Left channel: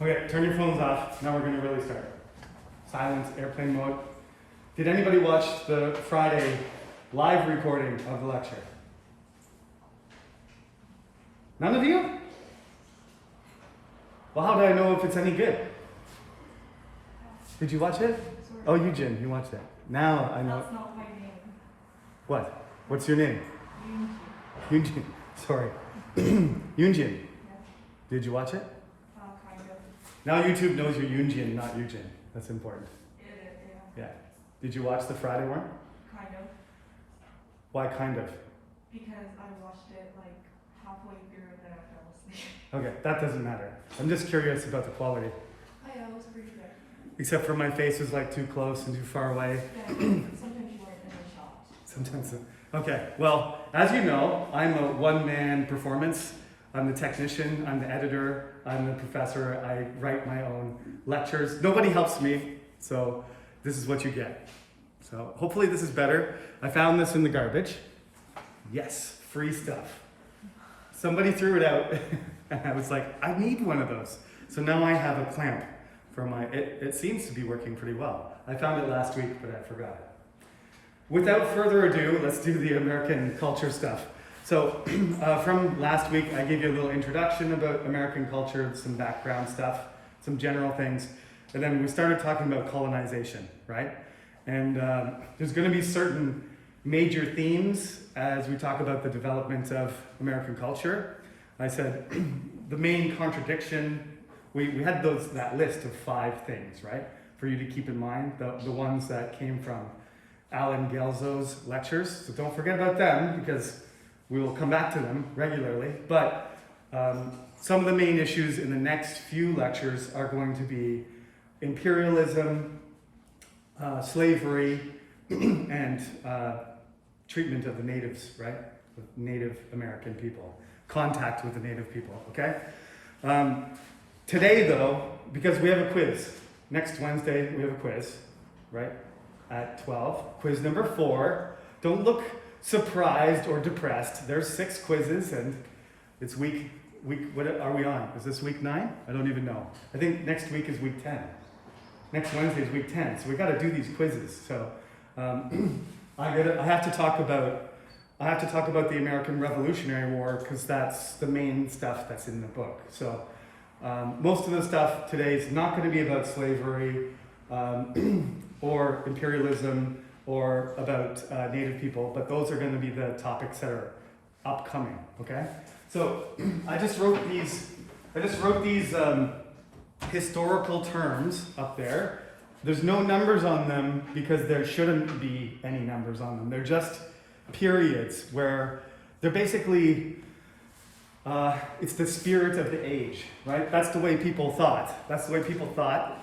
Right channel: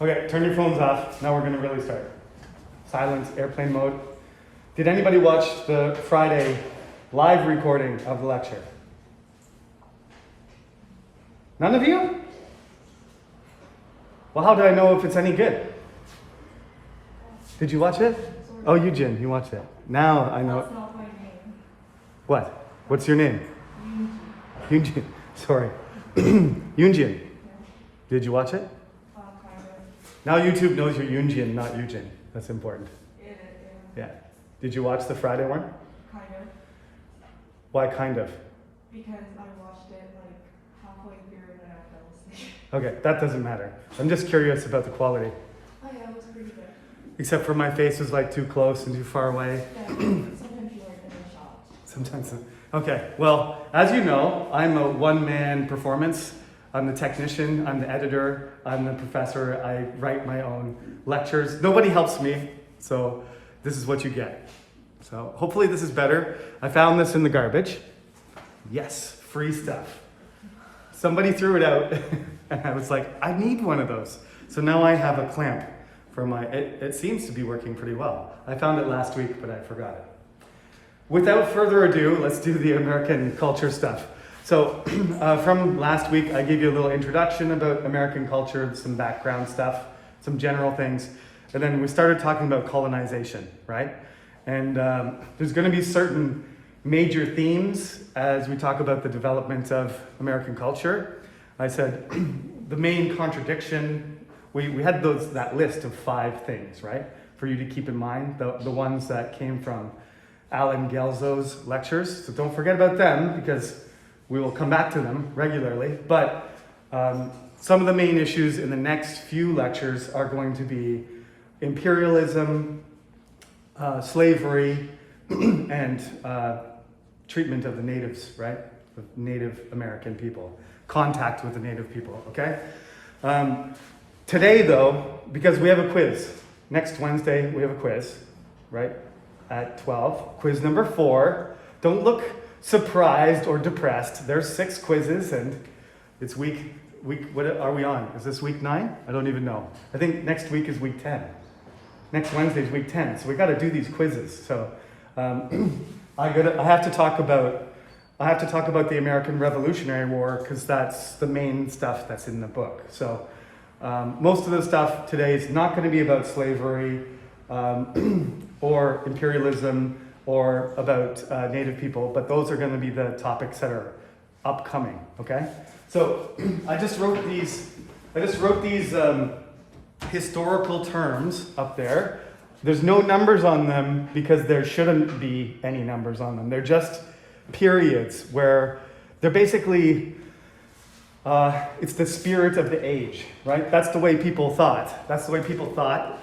Okay, turn your phones off. Now we're going to really start. Silence, airplane mode. Did anybody watch the Friday live recording of the lecture? None of you? Well, how do I know if it's any good? Did you watch it? Oh, Eugene, you watched it. Now I know. That's not my name. What? What's your name? Eugene. Sorry. Eugene. Yeah. Did you watch it? Kind of. Now YouTube knows you're Eugene, not Eugene. That's important. It is, yeah. Yeah. Did you watch the Friday one? Kind of. Why kind of? Because I watched it like halfway through and then I fell asleep. Okay, that doesn't matter. I'm just curious about the quality. Oh yeah, it was pretty good. Except for my face was like too close and too far away. Yeah, sometimes you like in the shot. Sometimes. Okay, well, as you know, I'm a one-man performance. I'm the technician, I'm the editor, I'm the professor. I write my own lectures. Nobody helps me, so this is what you get. So hopefully this is better. I found this in the garbage. Yes, free stuff. Somebody threw it out, and I was like, I need one of those. So now I have a clamp for my, it seems to be working pretty well. I found it last week, but I forgot it. Without further ado, let's do the American culture stuff. So from last week, I gave you a little introduction about American culture, some background stuff, some general things, and then we started talking about colonization, right? And there's going to be certain major themes as we talk about the development of American culture. I said the main contradiction, we had that list of 5 things, right? For you to keep in mind, the ones that came from Alan Gelzo's lectures. So don't forget about them because we will come back to them regularly. But some of the main issues in the next few lectures are going to be imperialism, slavery, and treatment of the natives, right? The Native American people, contact with the Native people, okay? Today though, because we have a quiz, next Wednesday we have a quiz, right? At 12, quiz number 4. Don't look surprised or depressed. There's 6 quizzes and it's week, what are we on? Is this week 9? I don't even know. I think next week is week 10. Next Wednesday is week 10, so we got to do these quizzes. So I have to talk about the American Revolutionary War because that's the main stuff that's in the book. So most of the stuff today is not going to be about slavery or imperialism or about Native people, but those are going to be the topics that are upcoming. Okay, so I just wrote these historical terms up there. There's no numbers on them because there shouldn't be any numbers on them. They're just periods where they're basically, it's the spirit of the age, right? That's the way people thought. That's the way people thought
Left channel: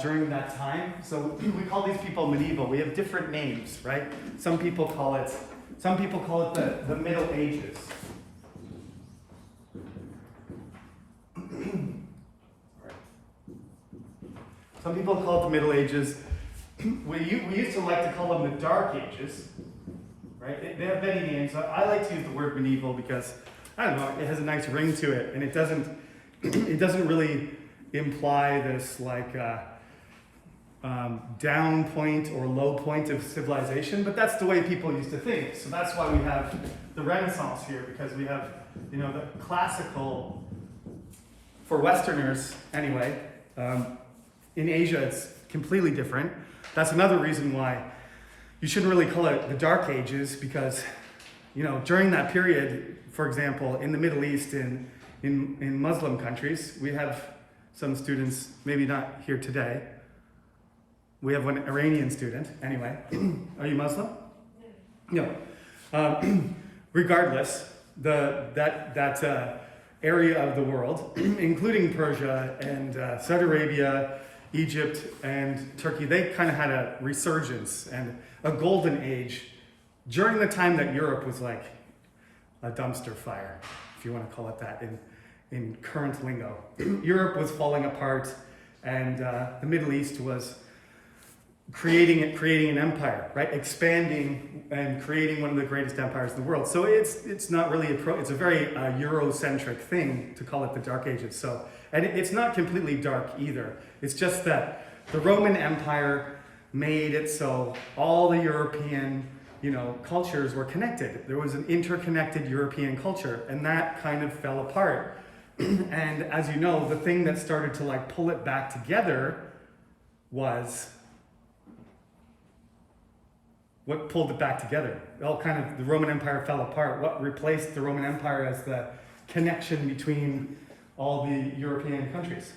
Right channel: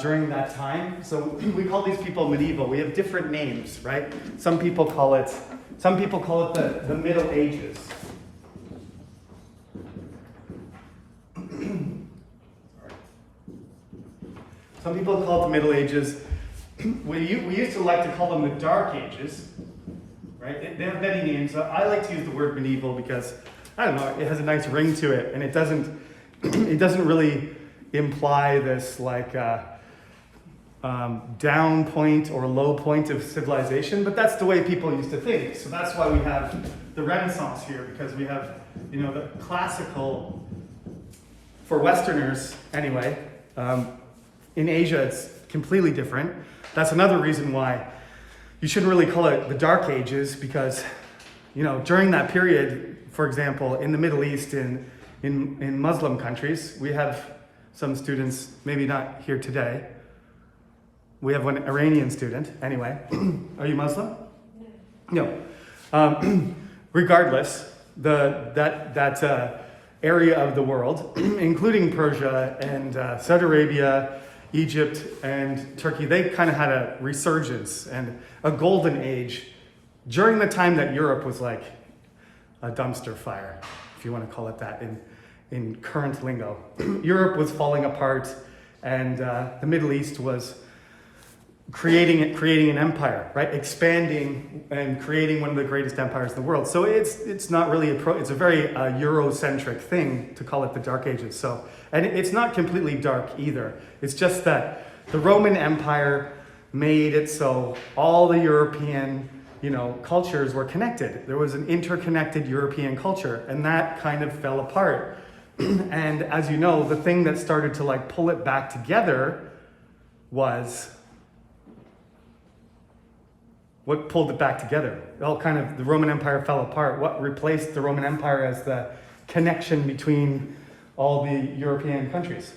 during that time. So we call these people medieval. We have different names, right? Some people call it the Middle Ages. Some people call it the Middle Ages. We used to like to call them the Dark Ages, right? They have many names. I like to use the word medieval because, I don't know, it has a nice ring to it, and it doesn't really imply this like down point or low point of civilization, but that's the way people used to think. So that's why we have the Renaissance here, because we have, the classical, for Westerners anyway. In Asia, it's completely different. That's another reason why you shouldn't really call it the Dark Ages, because, during that period, for example, in the Middle East, in Muslim countries, we have some students, maybe not here today. We have one Iranian student, anyway. Are you Muslim? No. Regardless, that area of the world, including Persia and Saudi Arabia, Egypt and Turkey, they kind of had a resurgence and a golden age during the time that Europe was like a dumpster fire, if you want to call it that in current lingo. Europe was falling apart and the Middle East was creating an empire, right? Expanding and creating one of the greatest empires in the world. So it's not really it's a very Eurocentric thing to call it the Dark Ages. So, and it's not completely dark either. It's just that the Roman Empire made it so all the European, cultures were connected. There was an interconnected European culture, and that kind of fell apart. And as you know, the thing that started to pull it back together was what pulled it back together. The Roman Empire fell apart. What replaced the Roman Empire as the connection between all the European countries?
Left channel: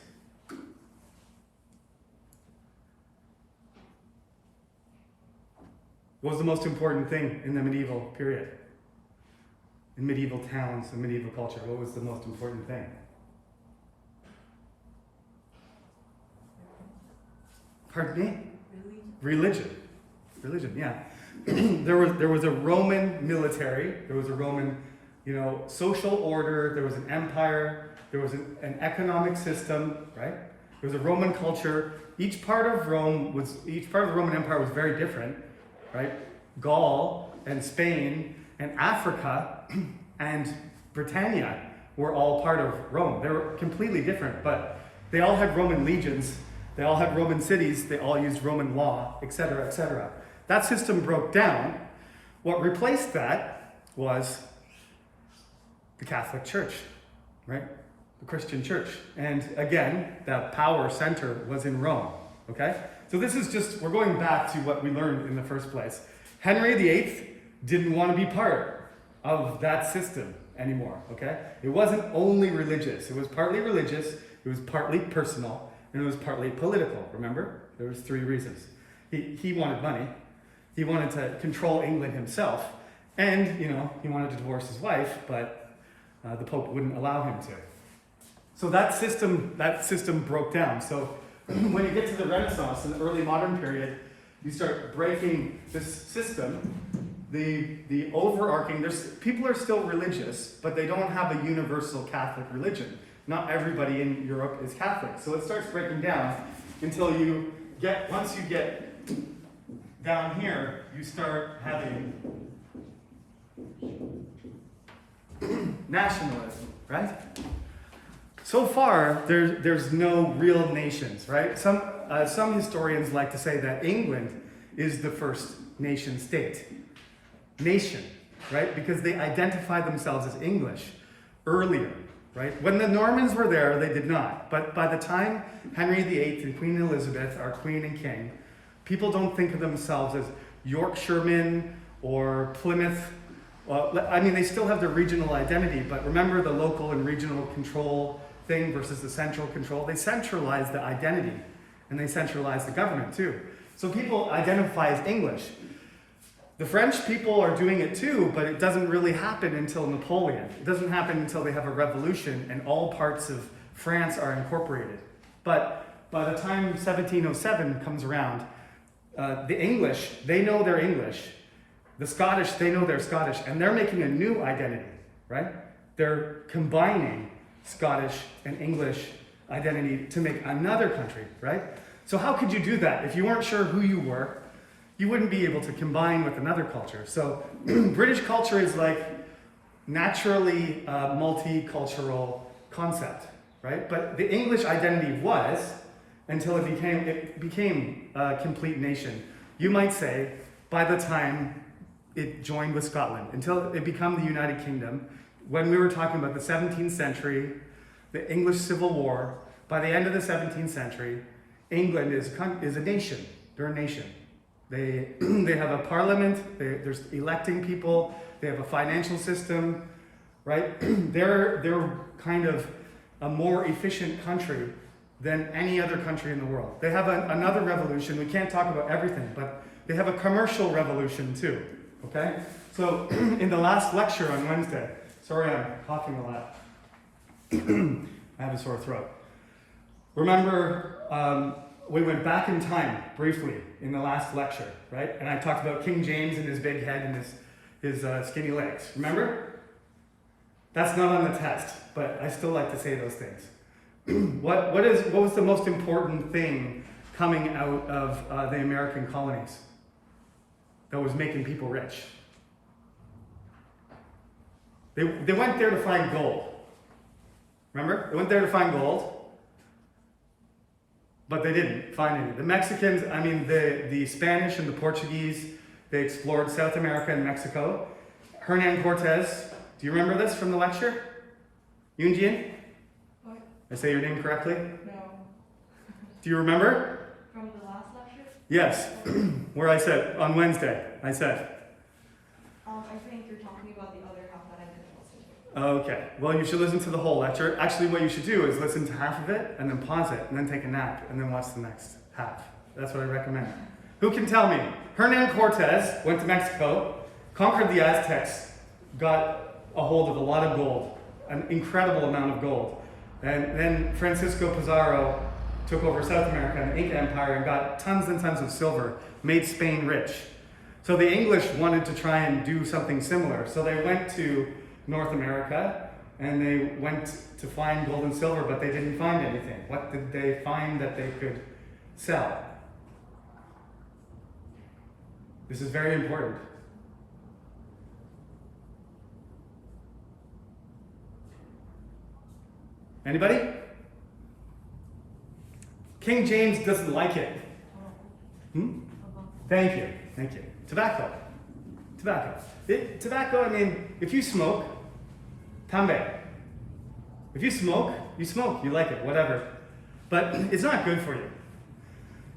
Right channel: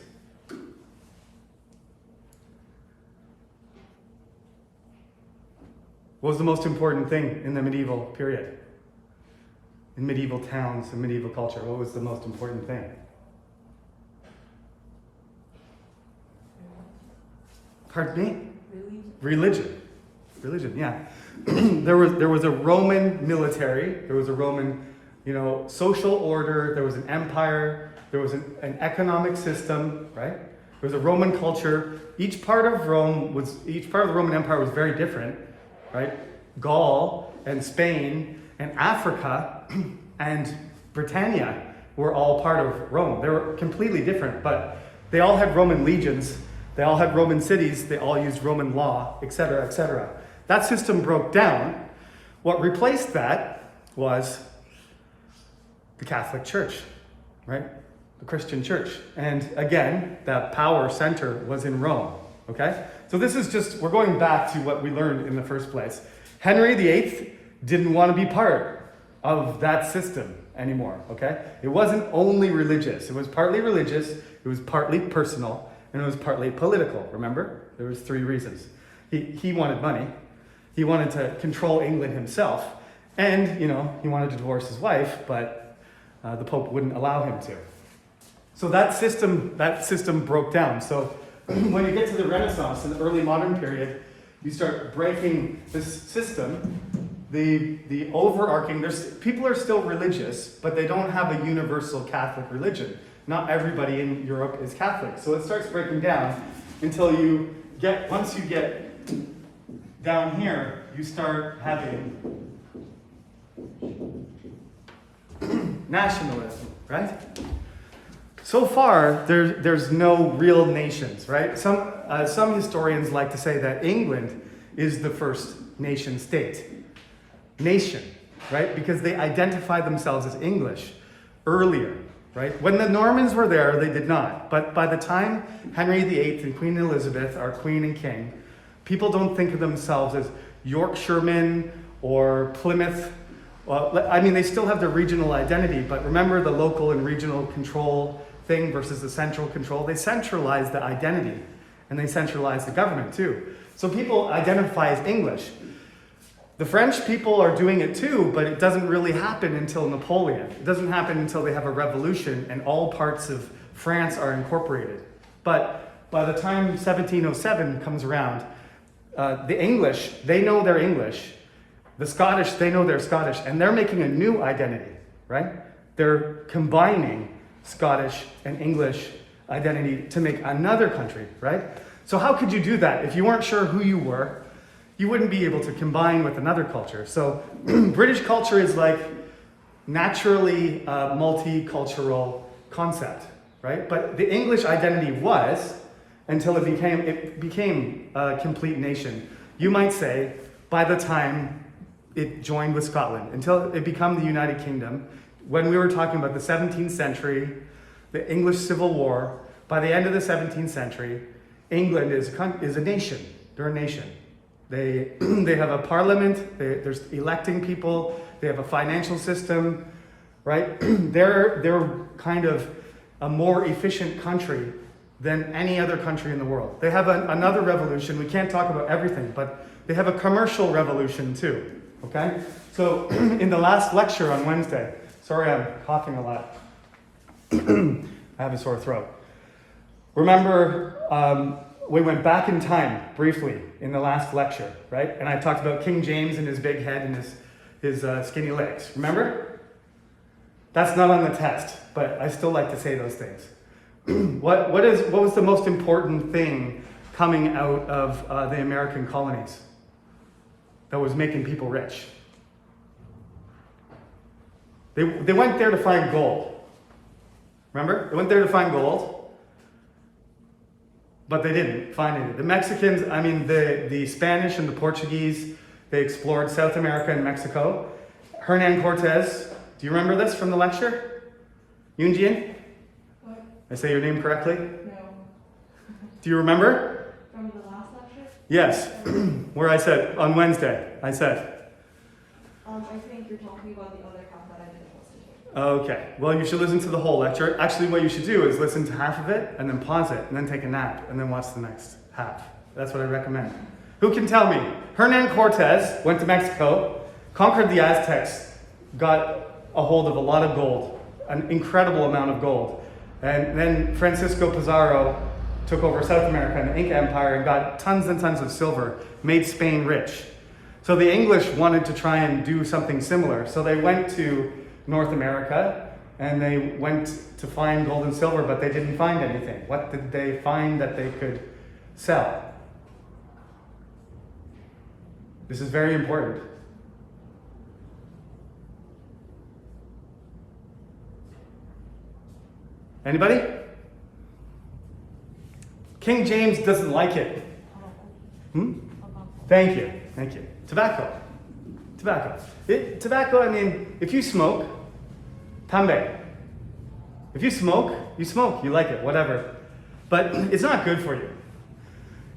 What was the most important thing in the medieval period? In medieval towns and medieval culture, what was the most important thing? Pardon me? Religion, yeah. There was a Roman military, there was a Roman, social order, there was an empire, there was an economic system, right? There was a Roman culture. Each part of the Roman Empire was very different, right? Gaul and Spain and Africa and Britannia were all part of Rome. They were completely different, but they all had Roman legions, they all had Roman cities, they all used Roman law, etc., etc. That system broke down. What replaced that was the Catholic Church, right? The Christian Church. And again, that power center was in Rome, okay? So this is we're going back to what we learned in the first place. Henry VIII didn't want to be part of that system anymore, okay? It wasn't only religious. It was partly religious, it was partly personal, and it was partly political, remember? There was 3 reasons. He wanted money, he wanted to control England himself, and, he wanted to divorce his wife, but the Pope wouldn't allow him to. So that system broke down. So when you get to the Renaissance, in the early modern period, you start breaking this system. The overarching, people are still religious, but they don't have a universal Catholic religion. Not everybody in Europe is Catholic. So it starts breaking down until once you get down here, you start having nationalism, right? So far, there's no real nations, right? Some historians like to say that England is the first nation state. Nation, right? Because they identify themselves as English earlier, right? When the Normans were there, they did not. But by the time Henry VIII and Queen Elizabeth are queen and king, people don't think of themselves as Yorkshiremen or Plymouth. Well, they still have their regional identity, but remember the local and regional control thing versus the central control. They centralize the identity, and they centralize the government too. So people identify as English. The French people are doing it too, but it doesn't really happen until Napoleon. It doesn't happen until they have a revolution and all parts of France are incorporated. But by the time 1707 comes around, the English, they know they're English. The Scottish, they know they're Scottish, and they're making a new identity, right? They're combining Scottish and English identity to make another country, right? So how could you do that? If you weren't sure who you were, you wouldn't be able to combine with another culture. So British culture is naturally a multicultural concept, right? But the English identity was, until it became a complete nation. You might say, by the time it joined with Scotland, until it became the United Kingdom, when we were talking about the 17th century, the English Civil War, by the end of the 17th century, England is a nation. They're a nation. They have a parliament, there's electing people, they have a financial system, right? They're kind of a more efficient country than any other country in the world. They have another revolution. We can't talk about everything, but they have a commercial revolution too, okay? So in the last lecture on Wednesday, sorry I'm coughing a lot. I have a sore throat. Remember, we went back in time briefly in the last lecture, right? And I talked about King James and his big head and his skinny legs. Remember? That's not on the test, but I still like to say those things. What was the most important thing coming out of the American colonies that was making people rich. They went there to find gold. Remember? They went there to find gold, but they didn't find any. The Mexicans, the Spanish and the Portuguese, they explored South America and Mexico. Hernan Cortez, do you remember this from the lecture? Yunjian? What? I say your name correctly? No. Do you remember? From the last lecture? Yes, where I said, on Wednesday, I said. I think you're talking about the other half that I didn't listen to. Okay, well, you should listen to the whole lecture. Actually, what you should do is listen to half of it and then pause it and then take a nap and then watch the next half. That's what I recommend. Who can tell me? Hernan Cortez went to Mexico, conquered the Aztecs, got a hold of a lot of gold, an incredible amount of gold. And then Francisco Pizarro took over South America and the Inca Empire and got tons and tons of silver, made Spain rich. So the English wanted to try and do something similar. So they went to North America and they went to find gold and silver, but they didn't find anything. What did they find that they could sell? This is very important. Anybody? King James doesn't like it. Thank you. Thank you. Tobacco. Tobacco, if you smoke, tambe. If you smoke, you like it, whatever. But it's not good for you.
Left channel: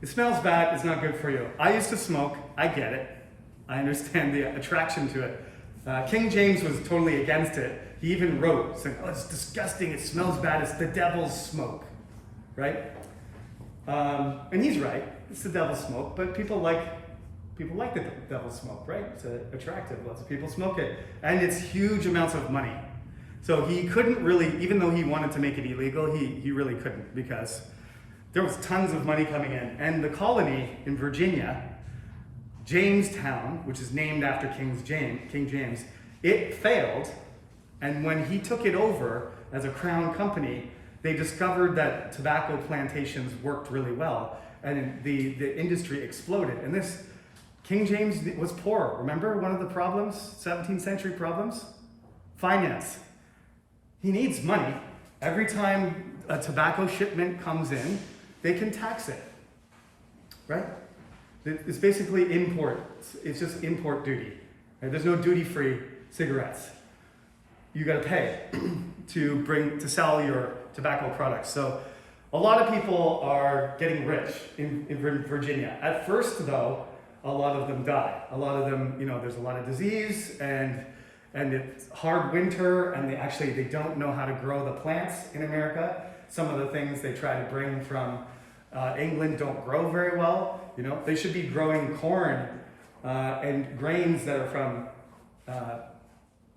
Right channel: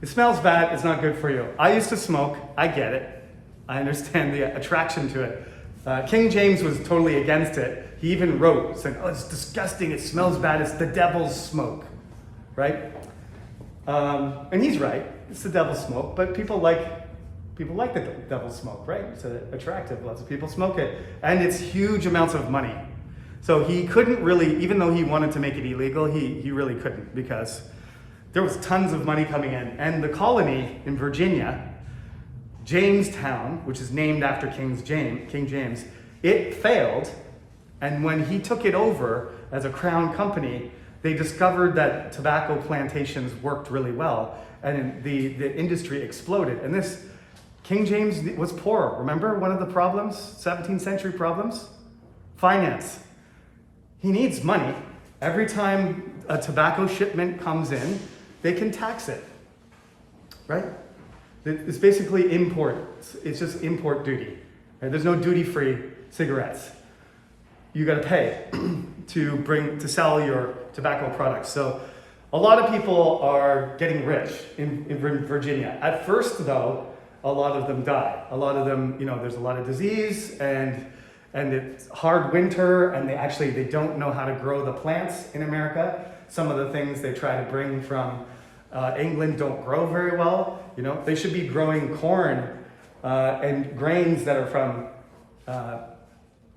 It smells bad, it's not good for you. I used to smoke, I get it. I understand the attraction to it. King James was totally against it. He even wrote, saying, oh, it's disgusting, it smells bad, it's the devil's smoke, right? And he's right, it's the devil's smoke, but people like the devil's smoke, right? It's attractive, lots of people smoke it, and it's huge amounts of money. So he couldn't really, even though he wanted to make it illegal, he really couldn't, because there was tons of money coming in. And the colony in Virginia, Jamestown, which is named after King James, it failed. And when he took it over as a crown company, they discovered that tobacco plantations worked really well, and the industry exploded. And this, King James was poor. Remember one of the problems, 17th century problems? Finance. He needs money. Every time a tobacco shipment comes in, they can tax it, right? It's basically import. It's just import duty. Right? There's no duty-free cigarettes. You got to pay to sell your tobacco products. So a lot of people are getting rich in Virginia. At first, though, a lot of them die. A lot of them, there's a lot of disease and it's hard winter, and they don't know how to grow the plants in America. Some of the things they try to bring from England don't grow very well. They should be growing corn and grains that are from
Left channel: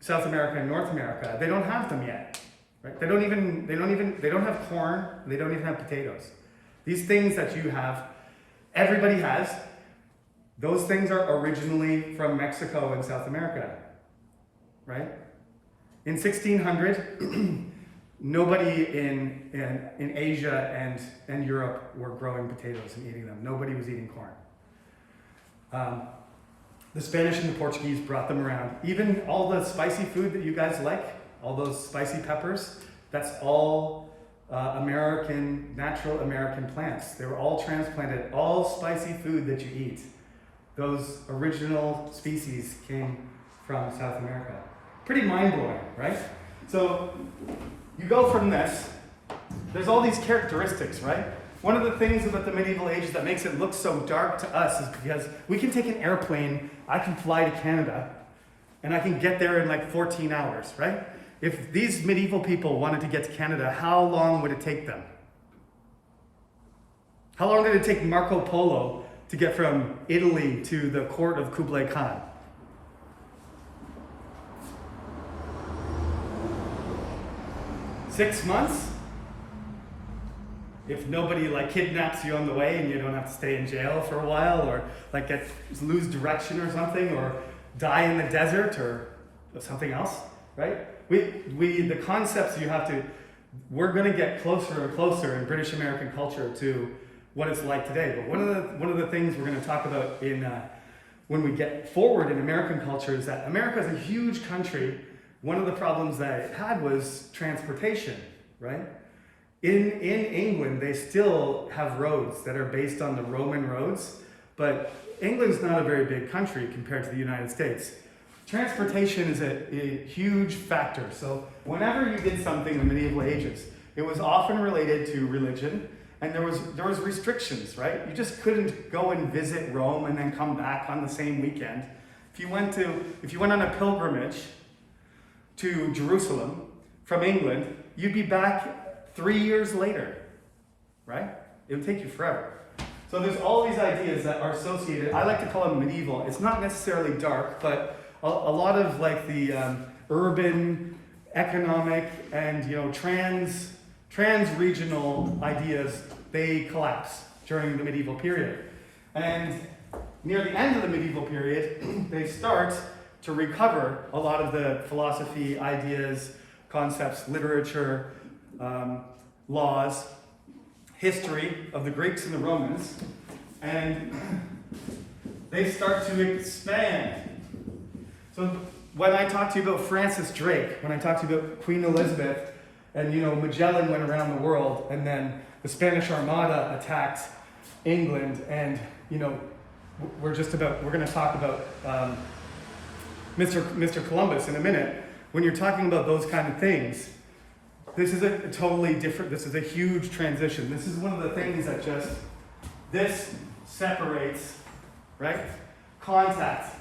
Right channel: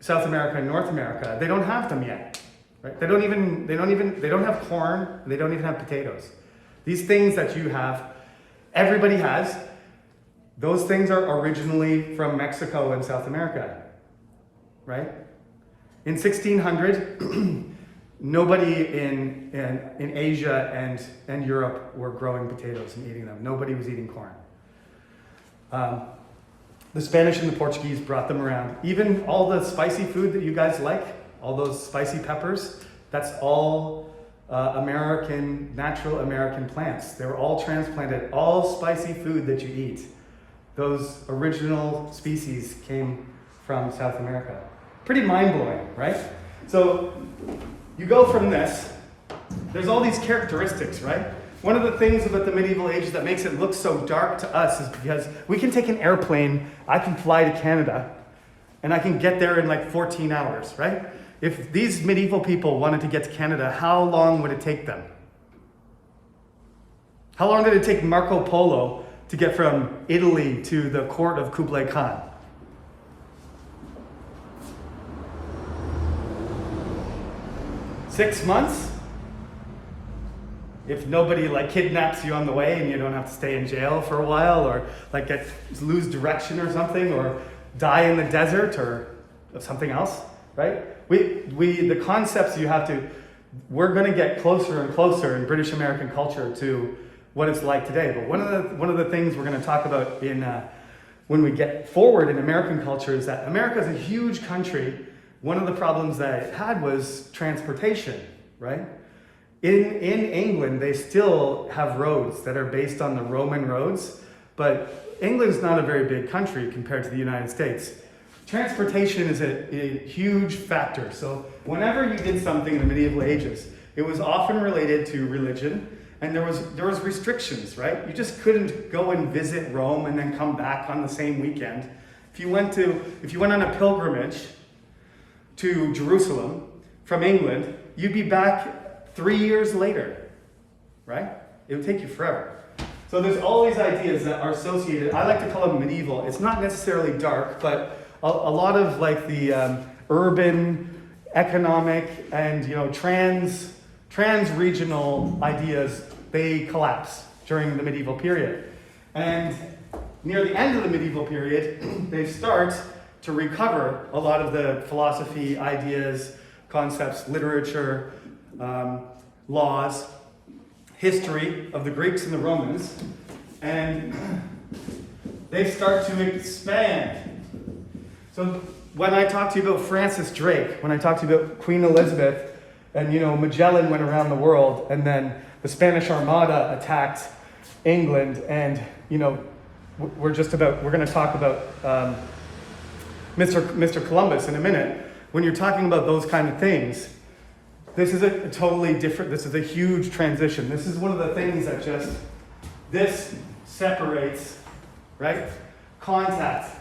South America and North America. They don't have them yet, right? They don't have corn. They don't even have potatoes. These things that you have, everybody has. Those things are originally from Mexico and South America, right? In 1600, nobody in Asia and Europe were growing potatoes and eating them. Nobody was eating corn. The Spanish and the Portuguese brought them around. Even all the spicy food that you guys like, all those spicy peppers, that's all natural American plants. They were all transplanted. All spicy food that you eat, those original species came from South America. Pretty mind-blowing, right? So you go from this, there's all these characteristics, right? One of the things about the medieval age that makes it look so dark to us is because we can take an airplane, I can fly to Canada, and I can get there in like 14 hours, right? If these medieval people wanted to get to Canada, how long would it take them? How long did it take Marco Polo to get from Italy to the court of Kublai Khan? Six months? If nobody kidnaps you on the way and you don't have to stay in jail for a while, or lose direction or something, or die in the desert or something else, right? The concepts we're going to get closer and closer in British American culture to what it's like today. But one of the things we're going to talk about in when we get forward in American culture is that America is a huge country. One of the problems that it had was transportation, right? In England, they still have roads that are based on the Roman roads, but England's not a very big country compared to the United States. Transportation is a huge factor. So whenever you did something in the medieval ages, it was often related to religion, and there was restrictions, right? You just couldn't go and visit Rome and then come back on the same weekend. If you went on a pilgrimage to Jerusalem from England, you'd be back 3 years later, right? It would take you forever. So there's all these ideas that are associated. I like to call them medieval. It's not necessarily dark, but a lot of like the urban, economic, and trans-regional ideas, they collapse during the medieval period. And near the end of the medieval period, they start to recover a lot of the philosophy, ideas, concepts, literature, laws, history of the Greeks and the Romans, and they start to expand. So when I talk to you about Francis Drake, when I talk to you about Queen Elizabeth, and Magellan went around the world, and then the Spanish Armada attacked England, and we're going to talk about Mr. Columbus in a minute. When you're talking about those kind of things, this is a totally different, this is a huge transition. This is one of the things that this separates, right? Contact.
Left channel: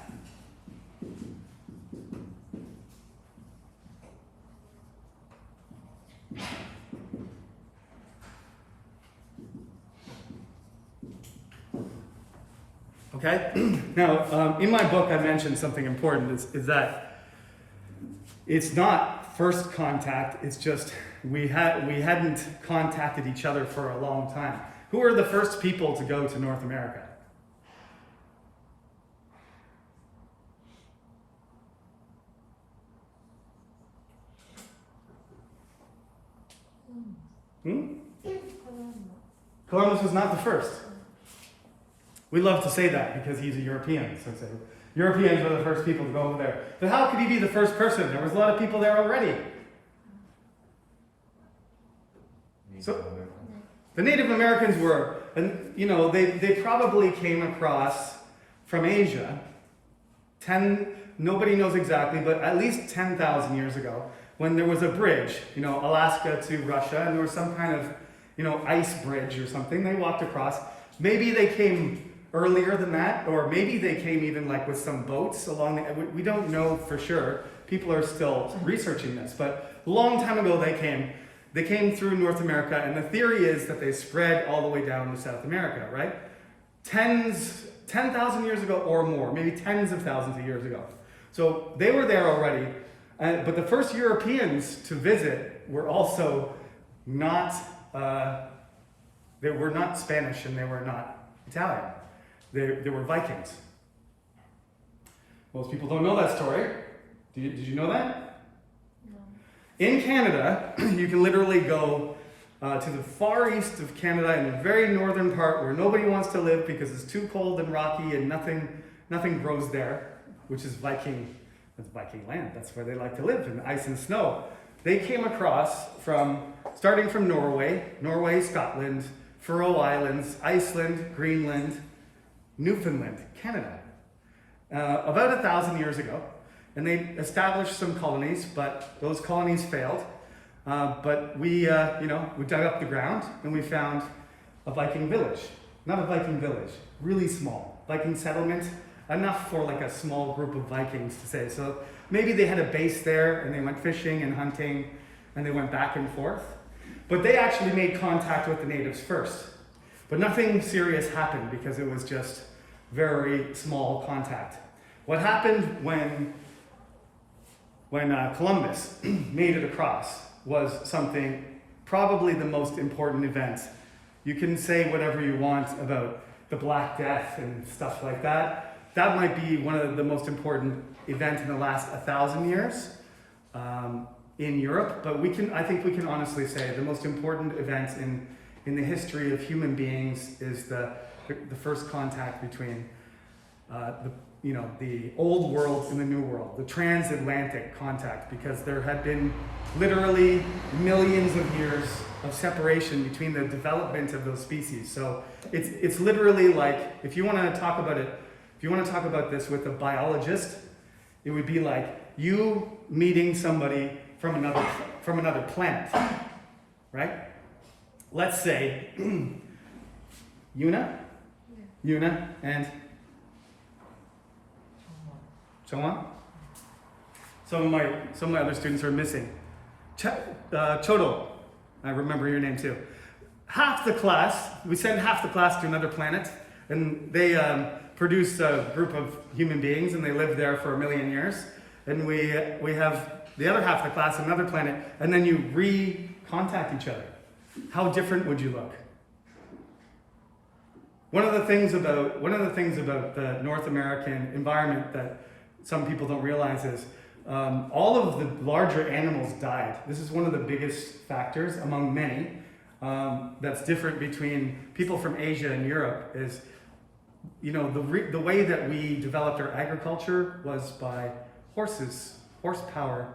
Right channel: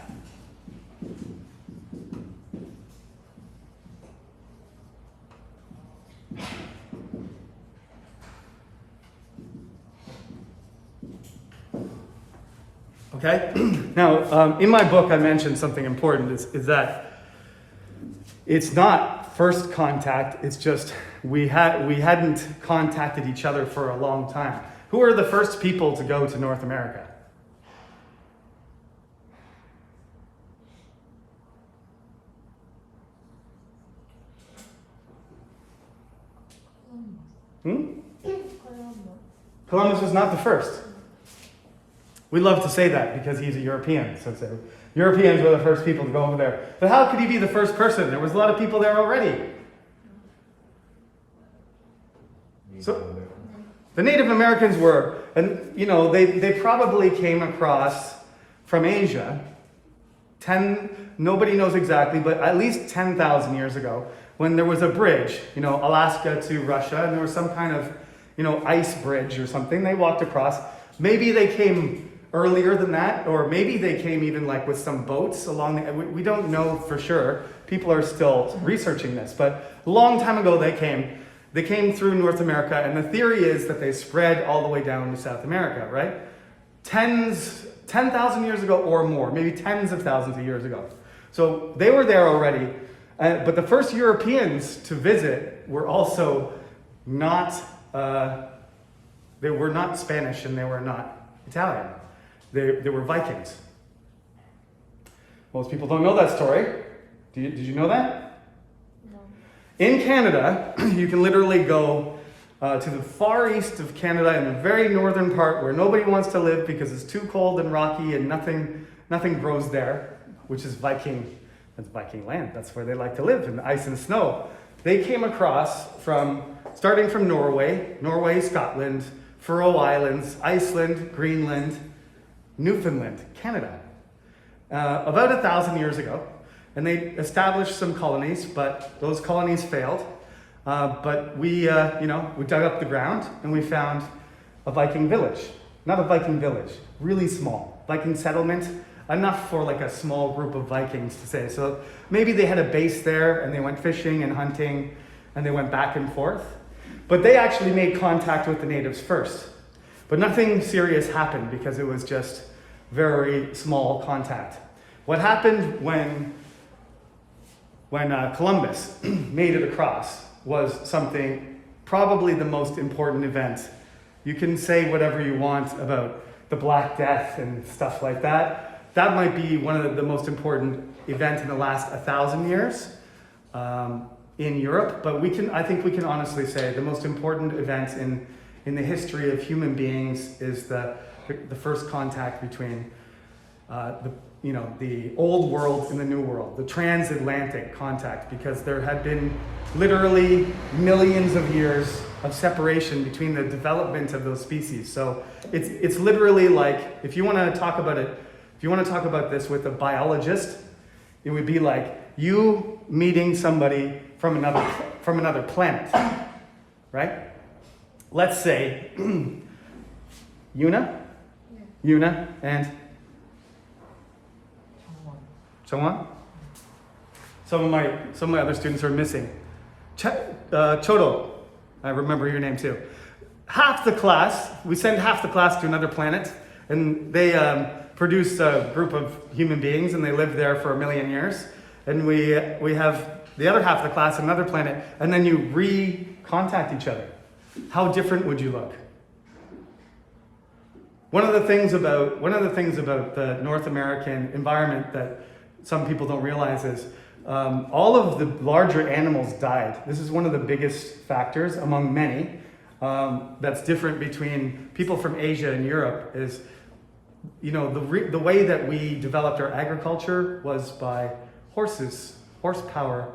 Okay? Now, in my book, I mentioned something important, is that it's not first contact, it's just we hadn't contacted each other for a long time. Who are the first people to go to North America? Columbus was not the first. We love to say that because he's a European. So Europeans were the first people to go over there. But how could he be the first person? There was a lot of people there already. So the Native Americans were, and they probably came across from Asia. Nobody knows exactly, but at least 10,000 years ago, when there was a bridge, Alaska to Russia, and there was some kind of, ice bridge or something. They walked across. Maybe they came earlier than that, or maybe they came even like with some boats along the, we don't know for sure. People are still researching this, but a long time ago they came through North America, and the theory is that they spread all the way down to South America, right? 10,000 years ago or more, maybe tens of thousands of years ago. So they were there already, but the first Europeans to visit were also not, they were not Spanish and they were not Italian. They were Vikings. Most people don't know that story. Did you know that? No. In Canada, you can literally go to the far east of Canada in the very northern part where nobody wants to live because it's too cold and rocky and nothing grows there, which is Viking land. That's where they like to live, in the ice and snow. They came across starting from Norway, Scotland, Faroe Islands, Iceland, Greenland, Newfoundland, Canada, about 1,000 years ago. And they established some colonies, but those colonies failed. But we dug up the ground and we found a Viking village. Not a Viking village, really small. Viking settlement, enough for like a small group of Vikings to say. So maybe they had a base there and they went fishing and hunting and they went back and forth. But they actually made contact with the natives first. But nothing serious happened because it was just very small contact. What happened when Columbus made it across was something, probably the most important event. You can say whatever you want about the Black Death and stuff like that. That might be one of the most important events in the last 1,000 years in Europe, but I think we can honestly say the most important event in in the history of human beings is the first contact between the old world and the new world, the transatlantic contact, because there had been literally millions of years of separation between the development of those species. So it's literally like, if you want to talk about this with a biologist, it would be like you meeting somebody from another planet, right? Let's say Yuna and someone. Some of my other students are missing. Chodo, I remember your name too. We send half the class to another planet, and they produce a group of human beings, and they live there for 1 million years. And we have the other half of the class on another planet, and then you re-contact each other. How different would you look? One of the things about the North American environment that some people don't realize is all of the larger animals died. This is one of the biggest factors among many that's different between people from Asia and Europe is, the way that we developed our agriculture was by horses, horsepower,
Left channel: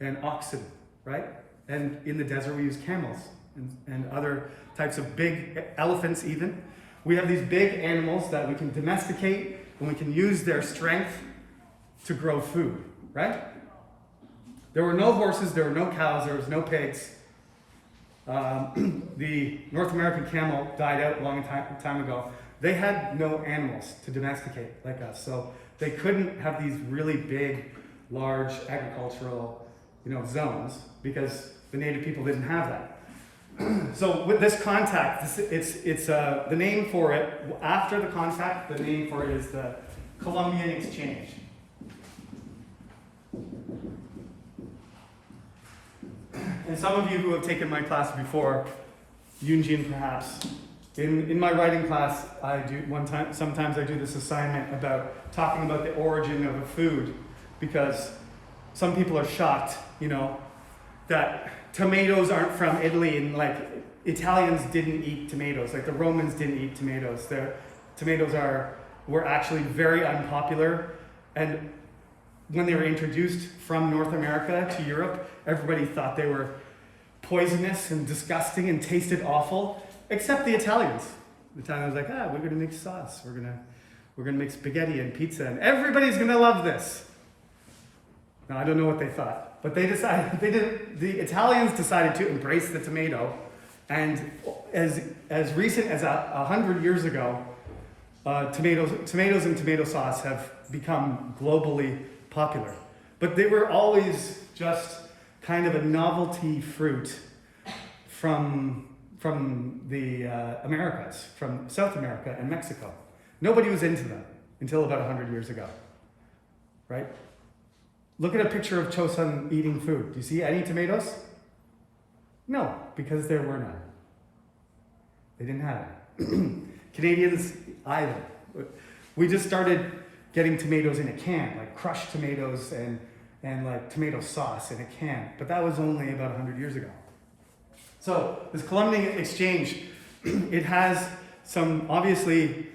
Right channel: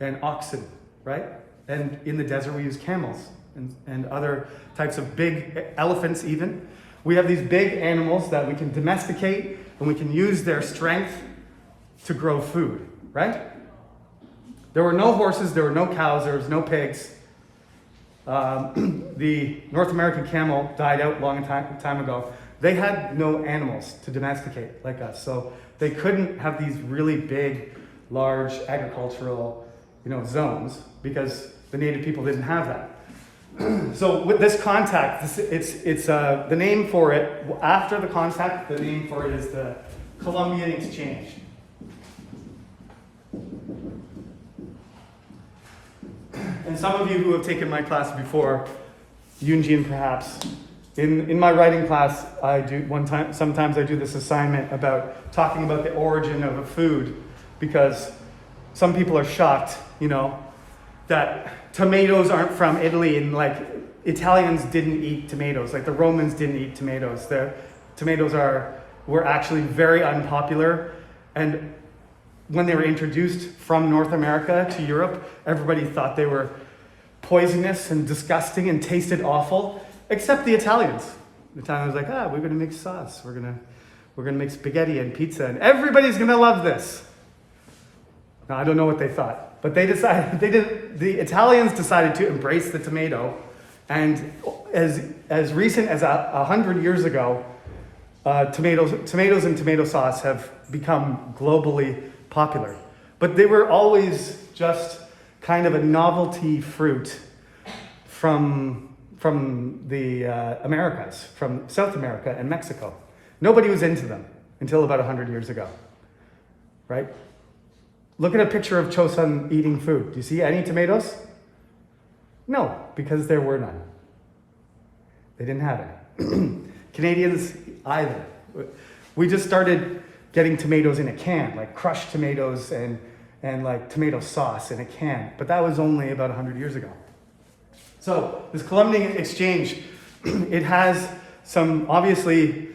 and oxen, right? And in the desert we use camels and other types of big elephants even. We have these big animals that we can domesticate and we can use their strength to grow food, right? There were no horses, there were no cows, there was no pigs. The North American camel died out a long time ago. They had no animals to domesticate like us, so they couldn't have these really big, large agricultural, zones because the native people didn't have that. So with this contact, it's the name for it. After the contact, the name for it is the Columbian Exchange. And some of you who have taken my class before, Yunjin perhaps, in my writing class, sometimes I do this assignment about talking about the origin of a food, because some people are shocked, that tomatoes aren't from Italy, and like Italians didn't eat tomatoes, like the Romans didn't eat tomatoes. Tomatoes were actually very unpopular, and when they were introduced from North America to Europe, everybody thought they were poisonous and disgusting and tasted awful, except the Italians. The Italians were like, we're gonna make sauce, we're gonna make spaghetti and pizza, and everybody's gonna love this. Now, I don't know what they thought, but the Italians decided to embrace the tomato, and as recent as 100 years ago, tomatoes and tomato sauce have become globally popular. But they were always just kind of a novelty fruit from the Americas, from South America and Mexico. Nobody was into them until about 100 years ago, right? Look at a picture of Chosun eating food. Do you see any tomatoes? No, because there were none. They didn't have it. Canadians either. We just started getting tomatoes in a can, like crushed tomatoes and like tomato sauce in a can. But that was only about 100 years ago. So this Columbian Exchange, it has some, obviously,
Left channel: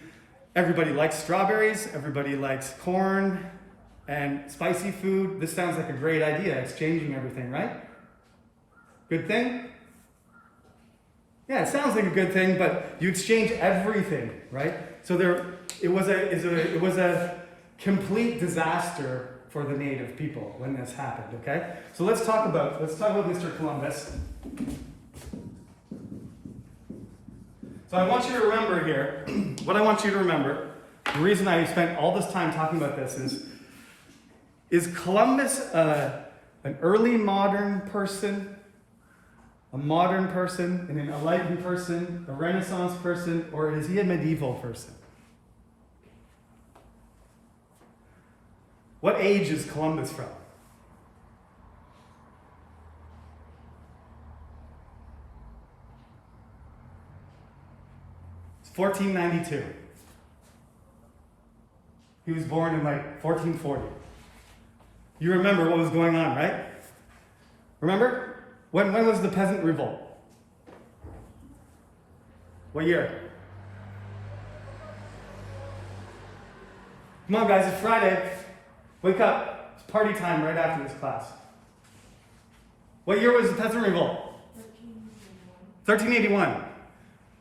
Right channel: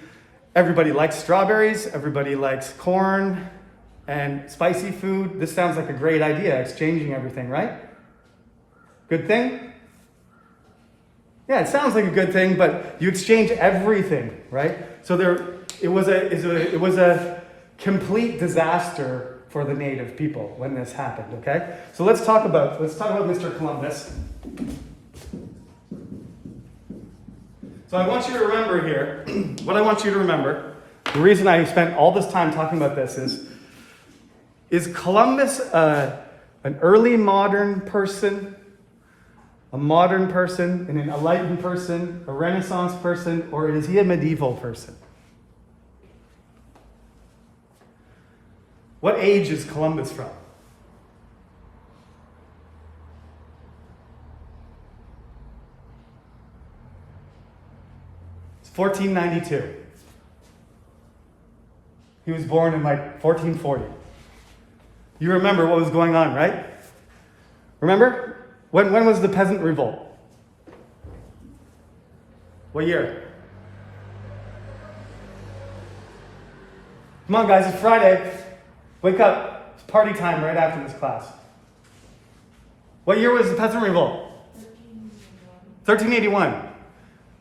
everybody likes strawberries, everybody likes corn and spicy food. This sounds like a great idea, exchanging everything, right? Good thing? Yeah, it sounds like a good thing, but you exchange everything, right? So it was a complete disaster for the native people when this happened, okay? So let's talk about Mr. Columbus. So I want you to remember here, what I want you to remember, the reason I spent all this time talking about this is Columbus an early modern person, a modern person, an enlightened person, a Renaissance person, or is he a medieval person? What age is Columbus from? It's 1492. He was born in like 1440. You remember what was going on, right? Remember? When was the peasant revolt? What year? Come on, guys, it's Friday. Wake up. It's party time right after this class. What year was the Peasant Revolt? 1381.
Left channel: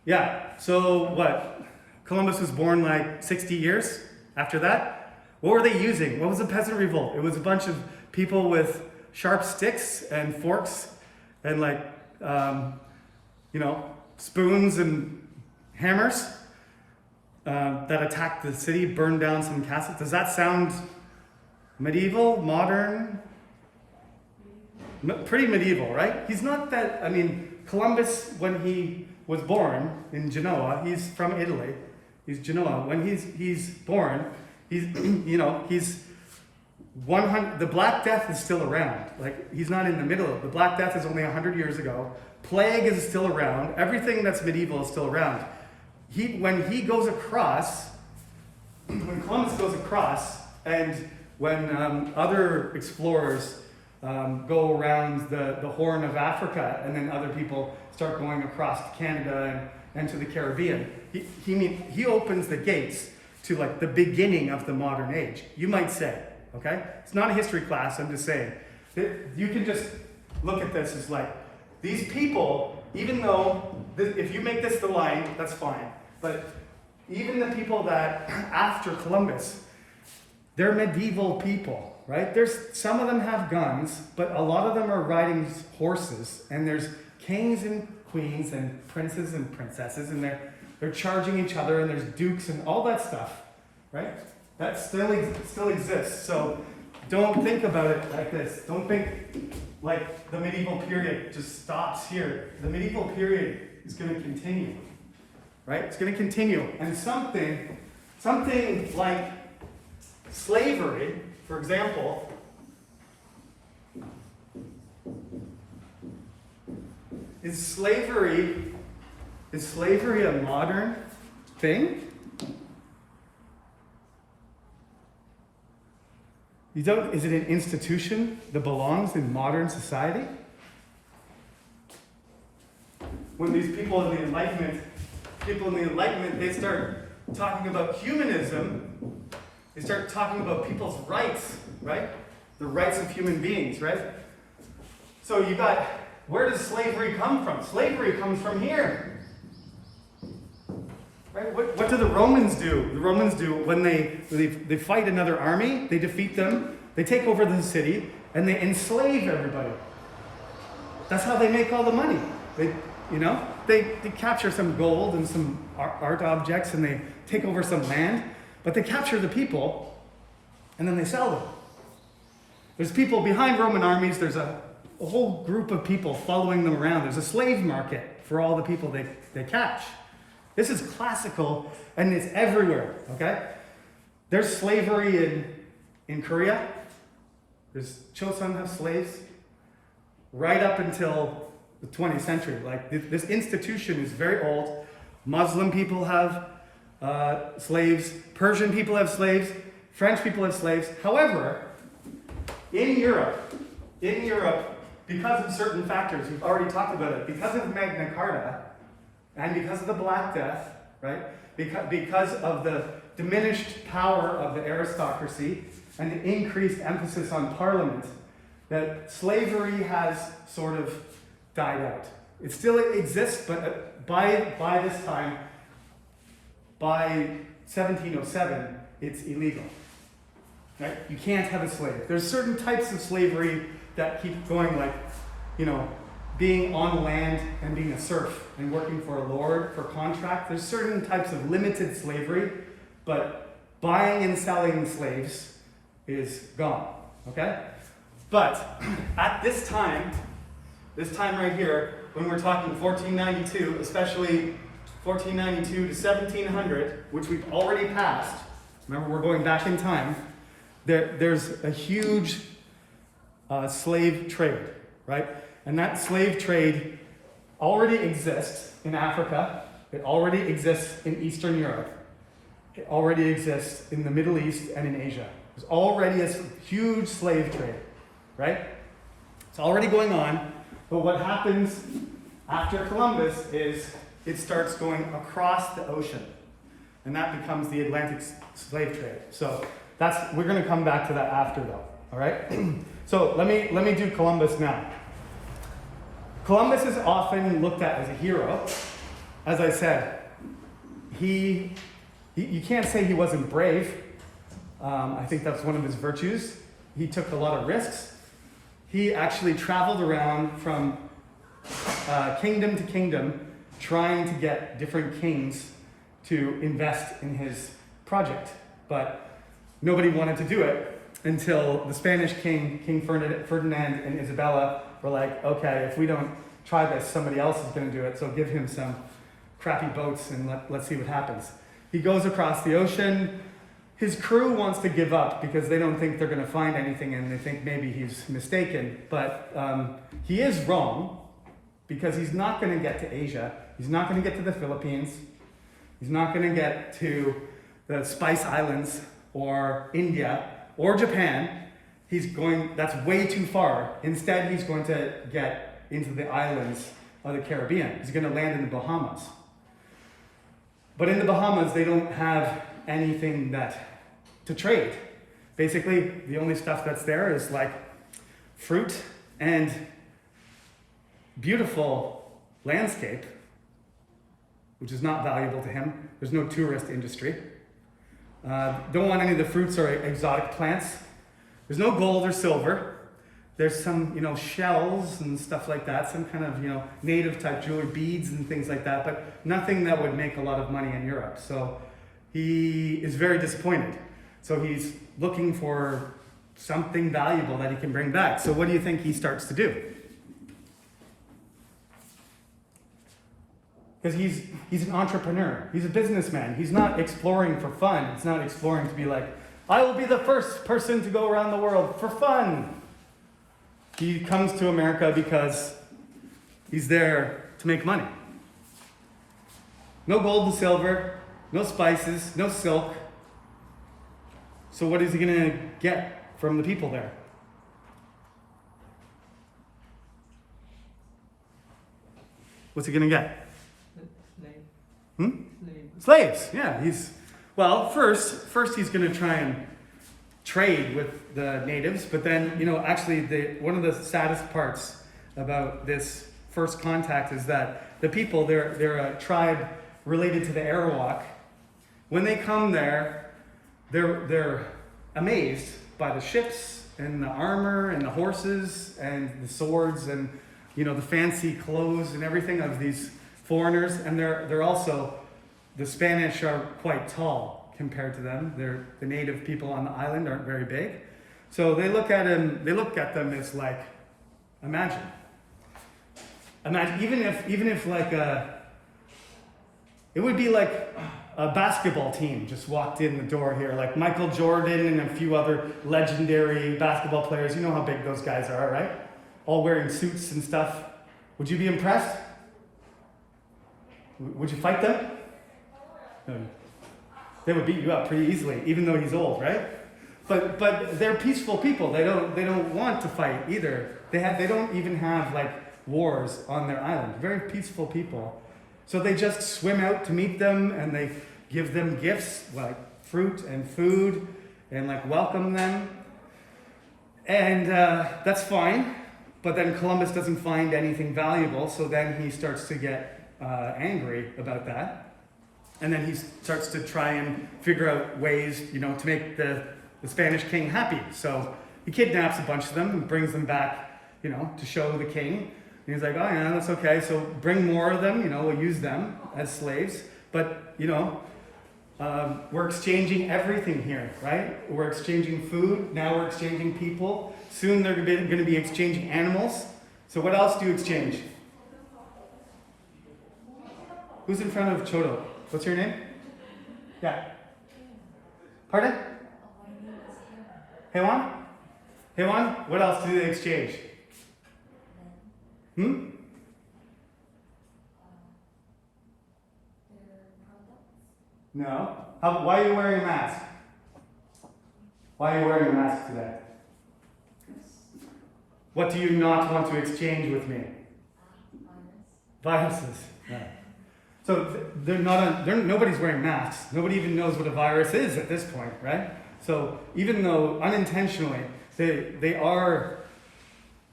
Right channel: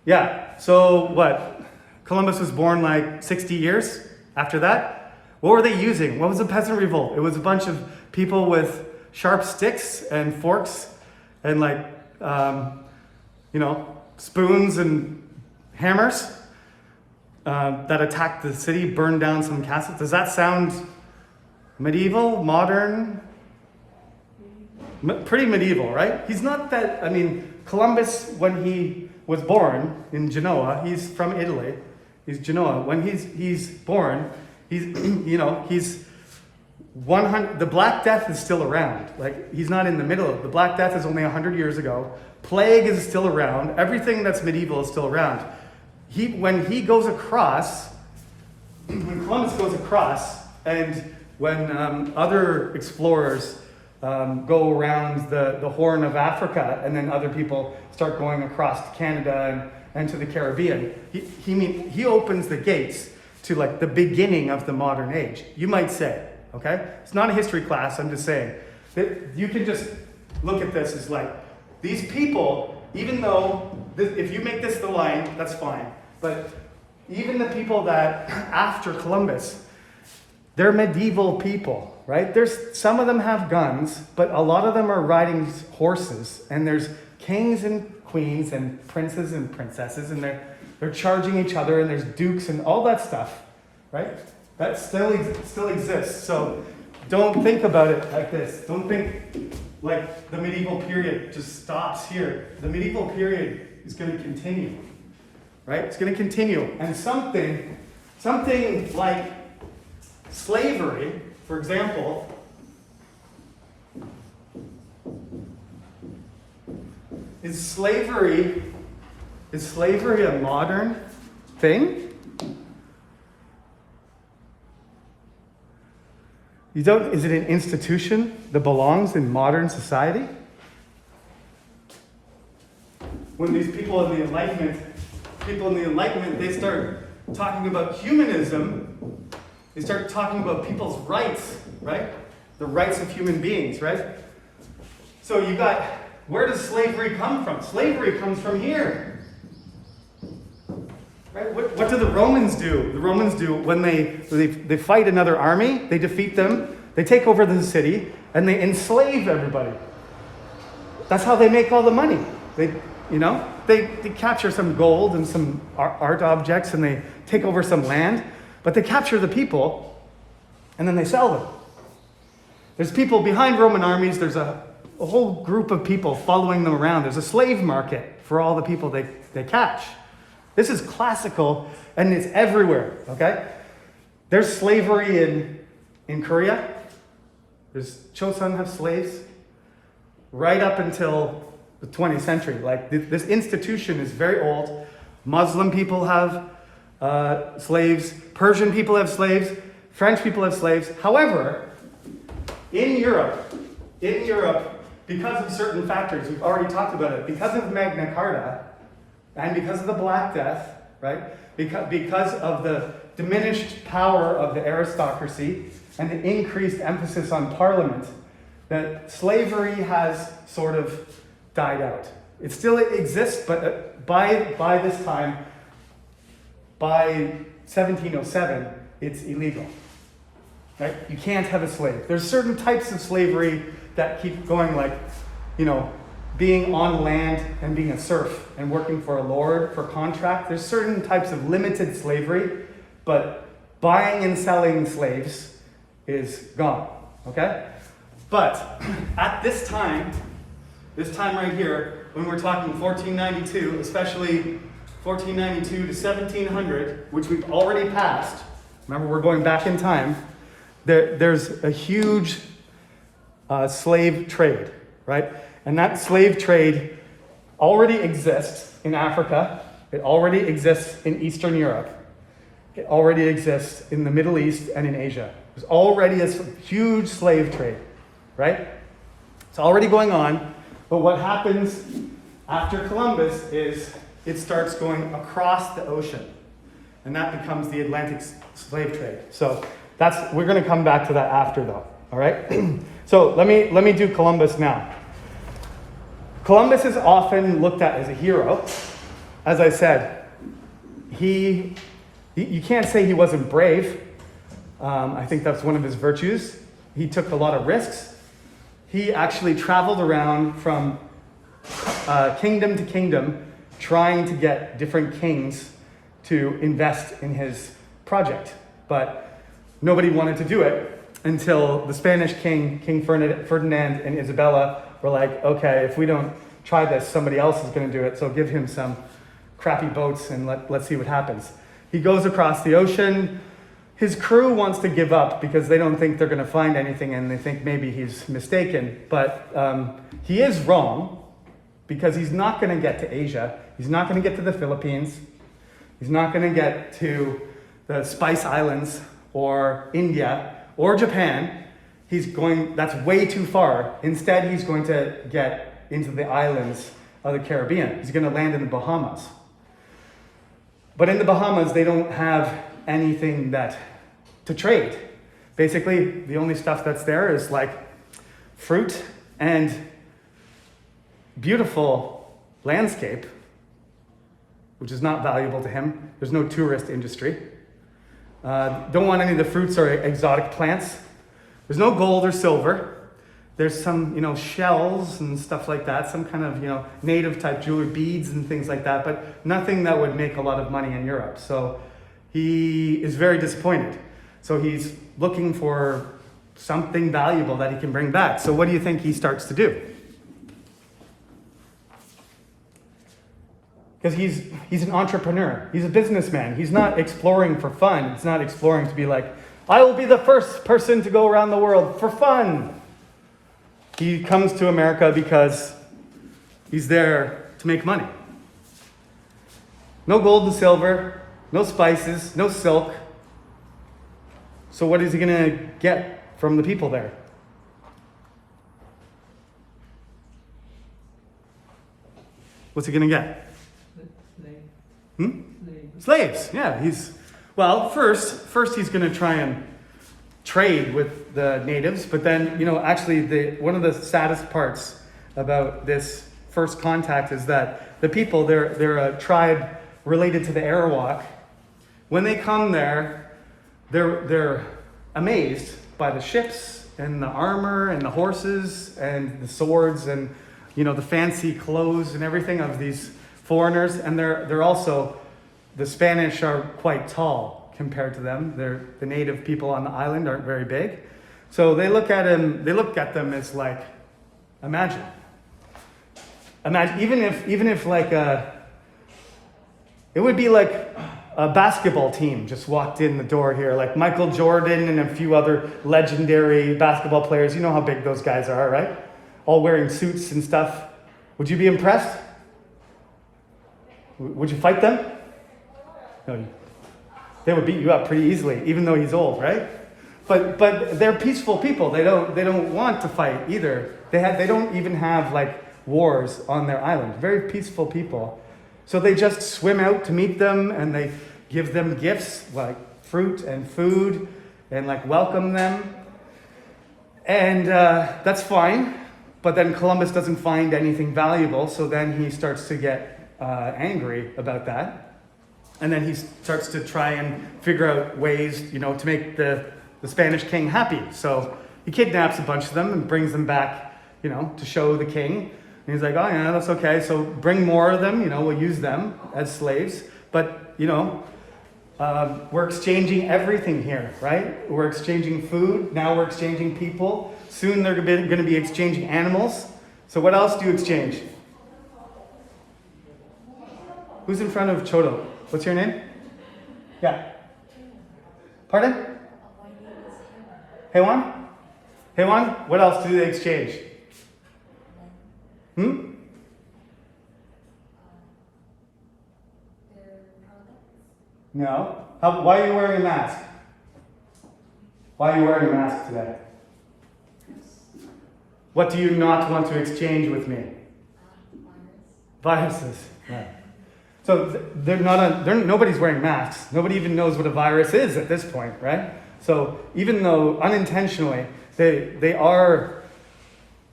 Yeah, so what? Columbus was born like 60 years after that? What were they using? What was the Peasant Revolt? It was a bunch of people with sharp sticks and forks and spoons and hammers that attacked the city, burned down some castles. Does that sound medieval, modern? Pretty medieval, right? He's not that, Columbus, when he was born in Genoa, he's from Italy, he's Genoa. When he's born, he's 100, the Black Death is still around. Like, he's not in the middle of it. The Black Death is only 100 years ago. Plague is still around. Everything that's medieval is still around. When he goes across, when Columbus goes across, and when other explorers go around the Horn of Africa, and then other people start going across to Canada and to the Caribbean, he opens the gates to like the beginning of the modern age, you might say, okay? It's not a history class, I'm just saying. You can just look at this as like, these people, even though, if you make this the line, that's fine. But even the people that, after Columbus, they're medieval people, right? Some of them have guns, but a lot of them are riding horses, and there's kings and queens and princes and princesses, and they're charging each other, and there's dukes and all that stuff, right? That still exists. So don't think about it like this. Don't think like the medieval period just stops here. The medieval period is going to continue, right? It's going to continue. And something like slavery, for example, is slavery a modern thing? Is it an institution that belongs in modern society? When these people in the Enlightenment, they start talking about humanism, they start talking about people's rights, right? The rights of human beings, right? So where does slavery come from? Slavery comes from here. Right? What do the Romans do? The Romans do when they fight another army, they defeat them, they take over the city, and they enslave everybody. That's how they make all the money. They capture some gold and some art objects, and they take over some land, but they capture the people, and then they sell them. There's people behind Roman armies, there's a whole group of people following them around. There's a slave market for all the people they catch. This is classical, and it's everywhere, okay? There's slavery in Korea. There's Chosun have slaves right up until the 20th century. Like, this institution is very old. Muslim people have slaves. Persian people have slaves. French people have slaves. However, in Europe, because of certain factors, we've already talked about it, because of Magna Carta, and because of the Black Death, right? Because of the diminished power of the aristocracy and the increased emphasis on parliament, that slavery has sort of died out. It still exists, but by this time, by 1707, it's illegal. Right? You can't have a slave. There's certain types of slavery that keep going, like, being on land and being a serf and working for a lord for contract. There's certain types of limited slavery, but buying and selling slaves is gone, okay? But at this time right here, when we're talking 1492, especially 1492 to 1700, which we've already passed, remember we're going back in time, there's a huge slave trade, right? And that slave trade already exists in Africa. It already exists in Eastern Europe. It already exists in the Middle East and in Asia. There's already a huge slave trade, right? It's already going on. But what happens after Columbus is it starts going across the ocean. And that becomes the Atlantic slave trade. So we're going to come back to that after though, all right? So let me do Columbus now. Columbus is often looked at as a hero. As I said, you can't say he wasn't brave. I think that's one of his virtues. He took a lot of risks. He actually traveled around from kingdom to kingdom trying to get different kings to invest in his project. But nobody wanted to do it until the Spanish king, King Ferdinand and Isabella were like, okay, if we don't try this, somebody else is going to do it, so give him some crappy boats and let's see what happens. He goes across the ocean. His crew wants to give up because they don't think they're going to find anything and they think maybe he's mistaken. But he is wrong because he's not going to get to Asia. He's not going to get to the Philippines. He's not going to get to the Spice Islands or India or Japan. That's way too far. Instead, he's going to get into the islands of the Caribbean. He's going to land in the Bahamas. But in the Bahamas, they don't have anything to trade. Basically, the only stuff that's there is like fruit and beautiful landscape, which is not valuable to him. There's no tourist industry. Don't want any of the fruits or exotic plants. There's no gold or silver. There's some, shells and stuff like that, some kind of, native type jewelry, beads and things like that, but nothing that would make a lot of money in Europe. So he is very disappointed. So he's looking for something valuable that he can bring back. So what do you think he starts to do? Because he's an entrepreneur. He's a businessman. He's not exploring for fun. He's not exploring to be like, I will be the first person to go around the world for fun. He comes to America because he's there to make money. No gold and silver, no spices, no silk. So what is he going to get from the people there? What's he going to get? Slaves. Yeah, first he's going to try and trade with the natives, but then, actually one of the saddest parts about this first contact is that the people, they're a tribe related to the Arawak. When they come there, they're amazed by the ships and the armor and the horses and the swords and, the fancy clothes and everything of these foreigners. And they're also, the Spanish are quite tall compared to them. The native people on the island aren't very big. So they look at them as like, imagine, even if like it would be like a basketball team just walked in the door here, like Michael Jordan and a few other legendary basketball players. You know how big those guys are, right? All wearing suits and stuff. Would you be impressed? Would you fight them? No. They would beat you up pretty easily, even though he's old, right? But they're peaceful people. They don't want to fight either. They don't even have like wars on their island. Very peaceful people. So they just swim out to meet them and they give them gifts like fruit and food and like welcome them. And that's fine. But then Columbus doesn't find anything valuable. So then he starts to get angry about that. And then he starts to try and figure out ways, to make the Spanish king happy. So he kidnaps a bunch of them and brings them back, to show the king. And he's like, oh, yeah, that's okay. So bring more of them, we'll use them as slaves. But, we're exchanging everything here, right? We're exchanging food. Now we're exchanging people. Soon they're going to be exchanging animals. So what else do you exchange? Who's in front of Chodo? What's your name? Yeah. Pardon? Hewan? Hewan? What else do they exchange? No. Why are you wearing a mask? Why are you wearing a mask today? What do you not want to exchange with me? Viruses. Yeah. So nobody's wearing masks. Nobody even knows what a virus is at this point, right? So even though unintentionally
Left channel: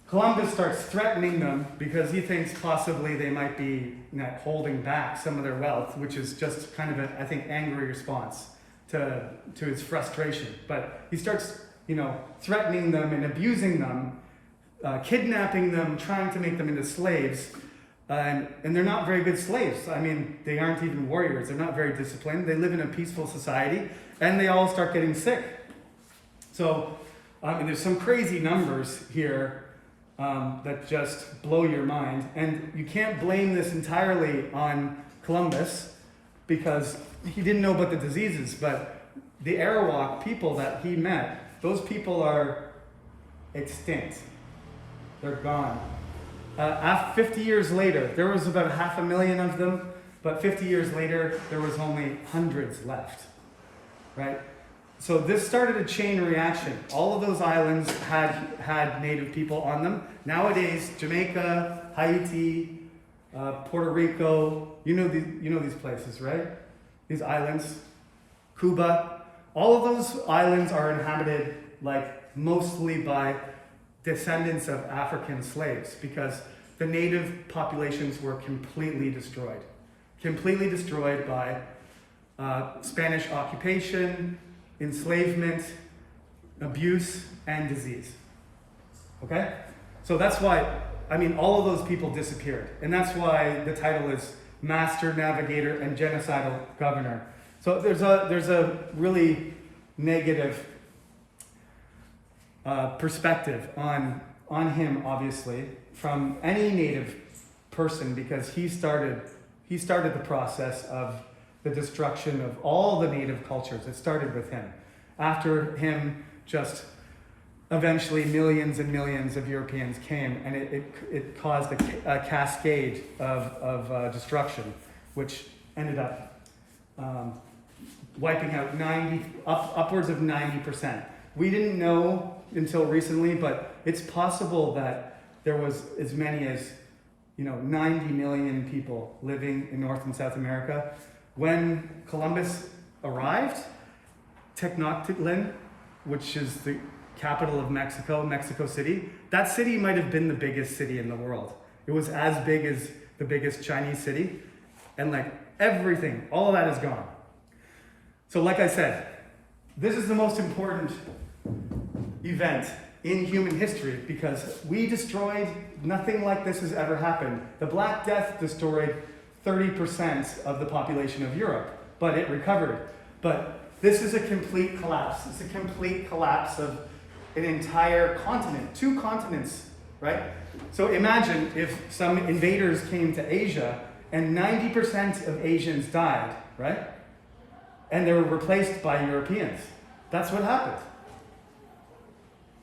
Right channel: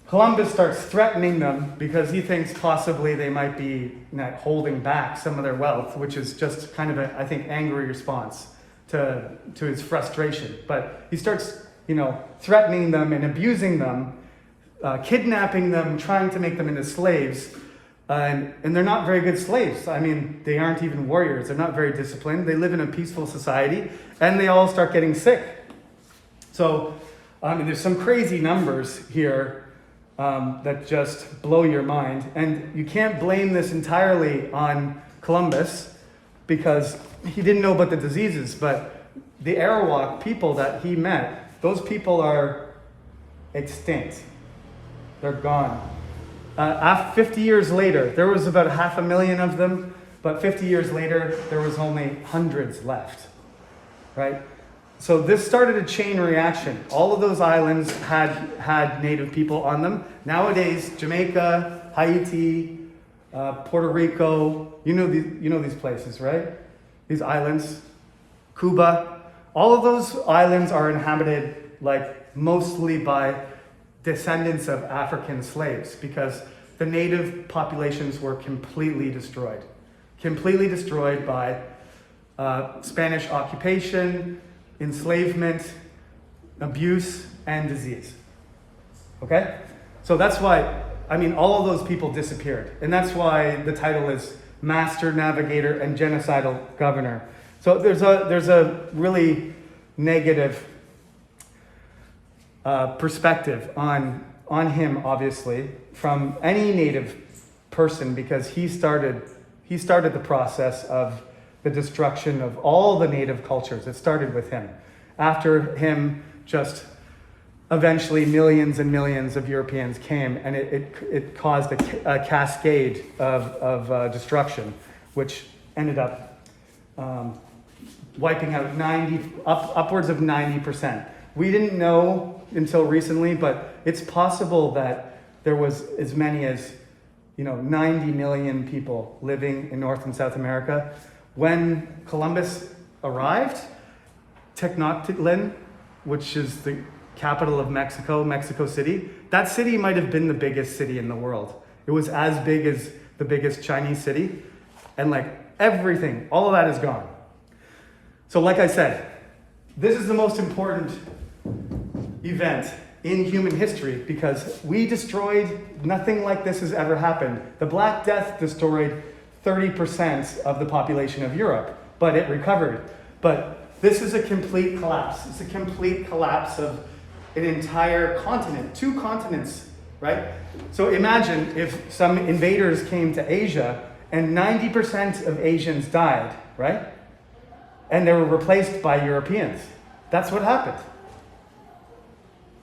Columbus starts threatening them because he thinks possibly they might be not holding back some of their wealth, which is just kind of I think, angry response to his frustration. But he starts, threatening them and abusing them, kidnapping them, trying to make them into slaves. And they're not very good slaves. I mean, they aren't even warriors. They're not very disciplined. They live in a peaceful society, and they all start getting sick. So, there's some crazy numbers here that just blow your mind. And you can't blame this entirely on Columbus because he didn't know about the diseases. But the Arawak people that he met, those people are extinct. They're gone. 50 years later, there was about 500,000 of them, but 50 years later, there was only hundreds left, right? So this started a chain reaction. All of those islands had native people on them. Nowadays, Jamaica, Haiti, Puerto Rico, you know these places, right? These islands, Cuba, all of those islands are inhabited mostly by descendants of African slaves because the native populations were completely destroyed by Spanish occupation, enslavement, abuse, and disease. Okay? So that's why, all of those people disappeared. And that's why the title is Master Navigator and Genocidal Governor. So there's a really negative perspective on him, obviously, from any native person, because he started the process of the destruction of all the native cultures. It started with him. After him, just eventually millions and millions of Europeans came, and it caused a cascade of destruction, which ended up wiping out upwards of 90%. We didn't know until recently, but it's possible that there was as many as 90 million people living in North and South America. When Columbus arrived, Tenochtitlan, which is the capital of Mexico City, that city might have been the biggest city in the world. It was as big as the biggest Chinese city, and everything, all of that is gone. So like I said, this is the most important event in human history because we destroyed, nothing like this has ever happened. The Black Death destroyed 30% of the population of Europe, but it recovered. But this is a complete collapse. It's a complete collapse of an entire continent, 2 continents, right? So imagine if some invaders came to Asia and 90% of Asians died, right? And they were replaced by Europeans. That's what happened.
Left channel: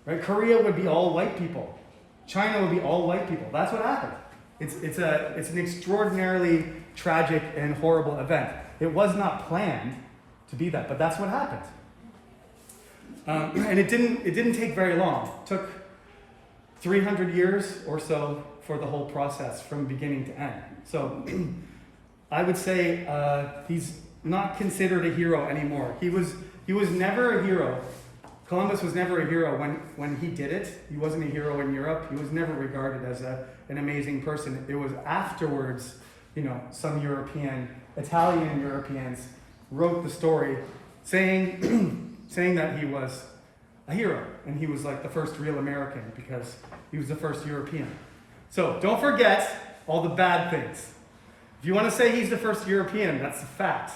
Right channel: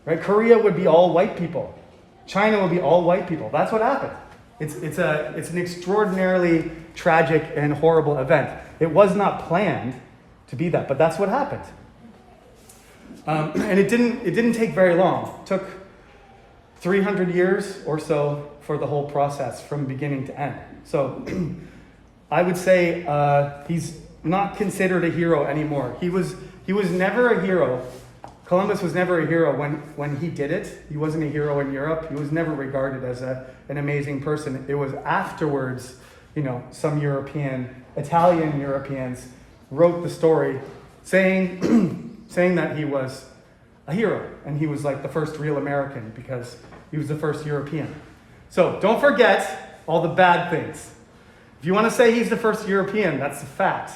Right? Korea would be all white people. China would be all white people. That's what happened. It's an extraordinarily tragic and horrible event. It was not planned to be that, but that's what happened. And it didn't take very long. It took 300 years or so for the whole process from beginning to end. So I would say he's not considered a hero anymore. He was never a hero. Columbus was never a hero when he did it. He wasn't a hero in Europe. He was never regarded as an amazing person. It was afterwards, some Italian Europeans wrote the story saying that he was a hero and he was the first real American because he was the first European. So don't forget all the bad things. If you want to say he's the first European, that's a fact.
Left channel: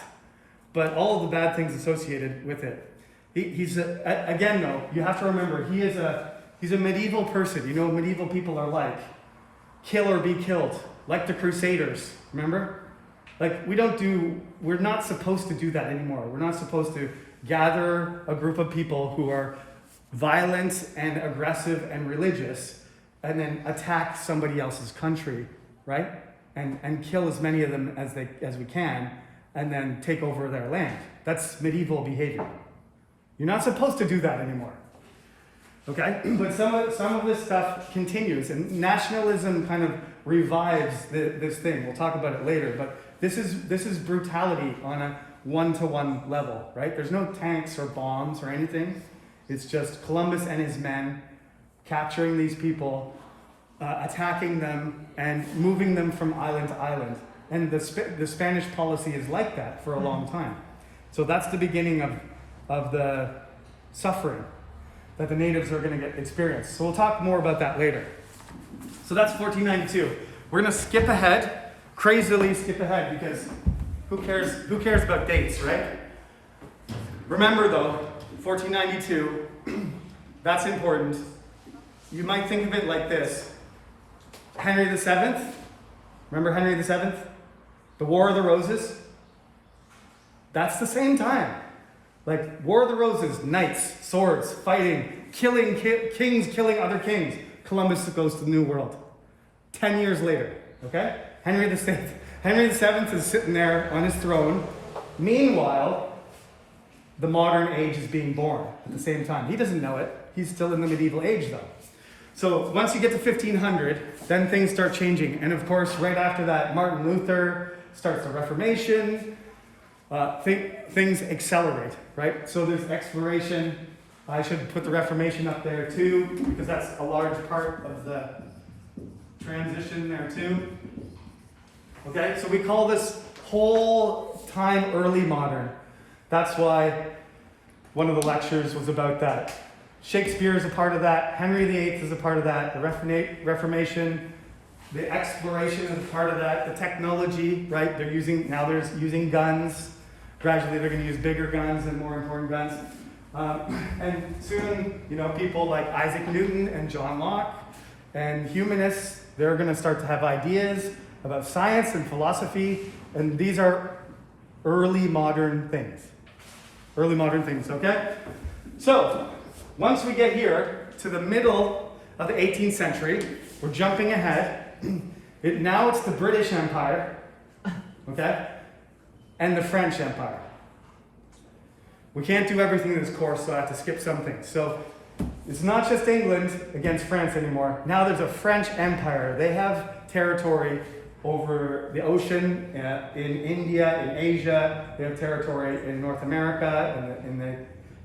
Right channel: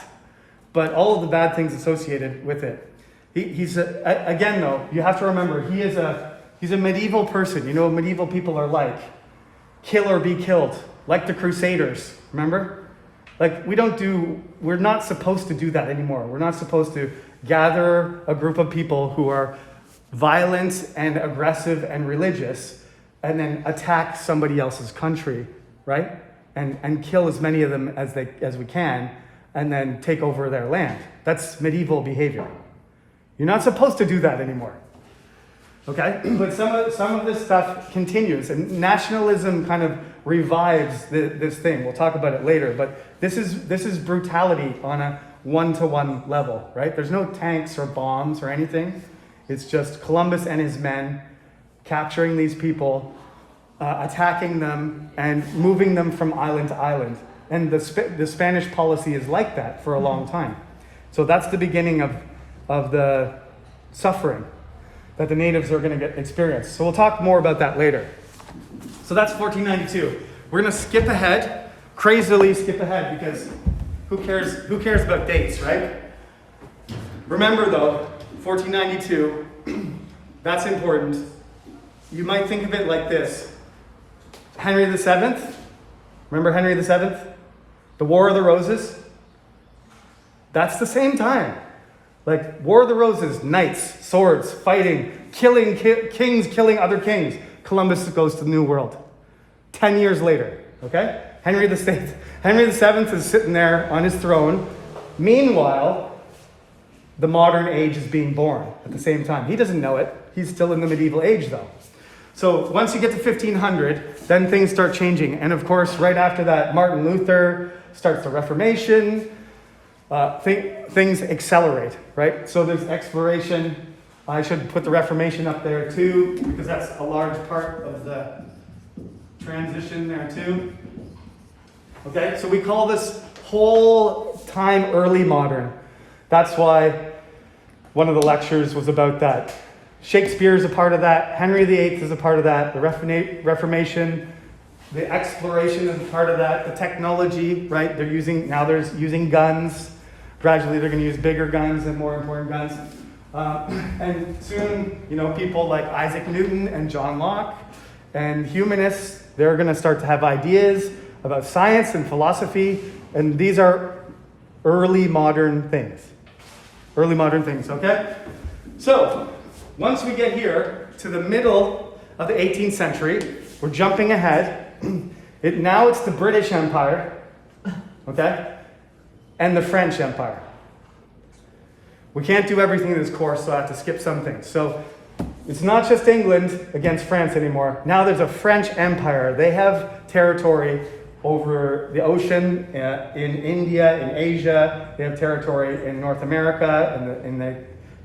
But all of the bad things associated with it. He's again though, you have to remember he's a medieval person. You know what medieval people are like. Kill or be killed. Like the Crusaders, remember? We're not supposed to do that anymore. We're not supposed to gather a group of people who are violent and aggressive and religious and then attack somebody else's country, right? And kill as many of them as we can and then take over their land. That's medieval behavior. You're not supposed to do that anymore. Okay? But some of this stuff continues, and nationalism kind of revives this thing. We'll talk about it later, but this is brutality on a one-to-one level, right? There's no tanks or bombs or anything. It's just Columbus and his men capturing these people, attacking them, and moving them from island to island. And the Spanish policy is like that for a long time. So that's the beginning of the suffering that the natives are going to experience. So we'll talk more about that later. So that's 1492. We're going to skip ahead, crazily skip ahead, because who cares about dates, right? Remember though, 1492, that's important. You might think of it like this. Henry VII, remember Henry VII? The War of the Roses? That's the same time. Like War of the Roses, knights, swords, fighting, killing kings, killing other kings. Columbus goes to the New World. 10 years later, okay? Henry VII is sitting there on his throne. Meanwhile, the modern age is being born at the same time. He doesn't know it. He's still in the medieval age though. So once you get to 1500, then things start changing. And of course, right after that, Martin Luther starts the Reformation. Things accelerate, right? So there's exploration. I should put the Reformation up there too, because that's a large part of the transition there too. Okay, so we call this whole time early modern. That's why one of the lectures was about that. Shakespeare is a part of that. Henry VIII is a part of that. The Reformation, the exploration is a part of that. The technology, right? They're using guns. Gradually, they're going to use bigger guns and more important guns. And soon, people like Isaac Newton and John Locke and humanists, they're going to start to have ideas about science and philosophy. And these are early modern things. Early modern things, okay? So, once we get here to the middle of the 18th century, we're jumping ahead. Now it's the British Empire, okay? And the French Empire. We can't do everything in this course, so I have to skip some things. So it's not just England against France anymore. Now there's a French Empire. They have territory over the ocean in India, in Asia. They have territory in North America, in the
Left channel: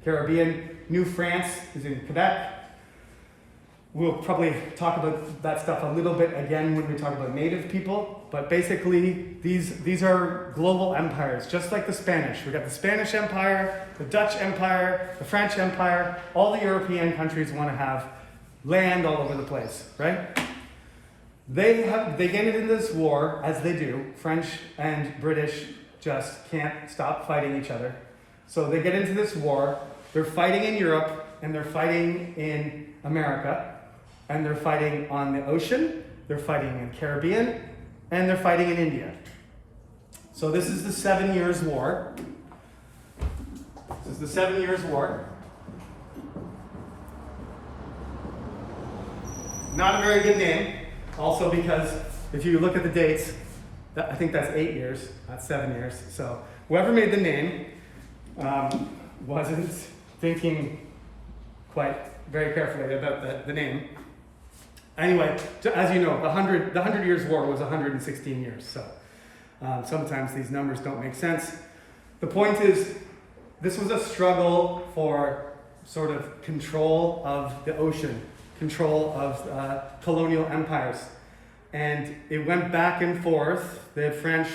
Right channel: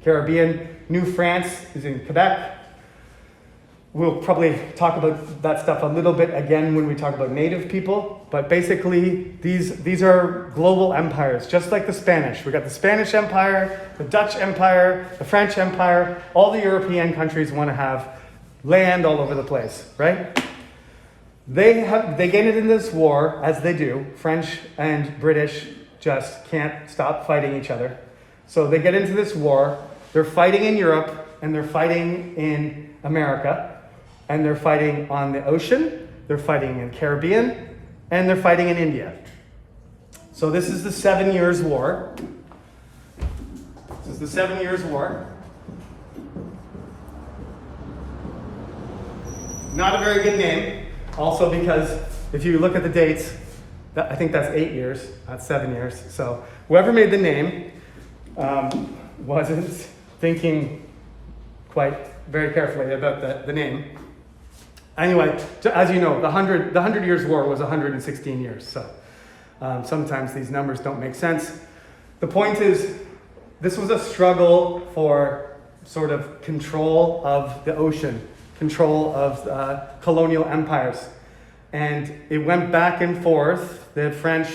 Caribbean. New France is in Quebec. We'll probably talk about that stuff a little bit again when we talk about native people. But basically, these are global empires, just like the Spanish. We've got the Spanish Empire, the Dutch Empire, the French Empire. All the European countries want to have land all over the place, right? They get into this war, as they do. French and British just can't stop fighting each other. So they get into this war. They're fighting in Europe, and they're fighting in America. And they're fighting on the ocean, they're fighting in the Caribbean, and they're fighting in India. So this is the 7 Years' War. This is the 7 Years' War. Not a very good name, also because if you look at the dates, I think that's 8 years, not 7 years. So whoever made the name wasn't thinking quite very carefully about the name. Anyway, as you know, the 100 Years' War was 116 years, so sometimes these numbers don't make sense. The point is, this was a struggle for sort of control of the ocean, control of colonial empires. And it went back and forth. The French,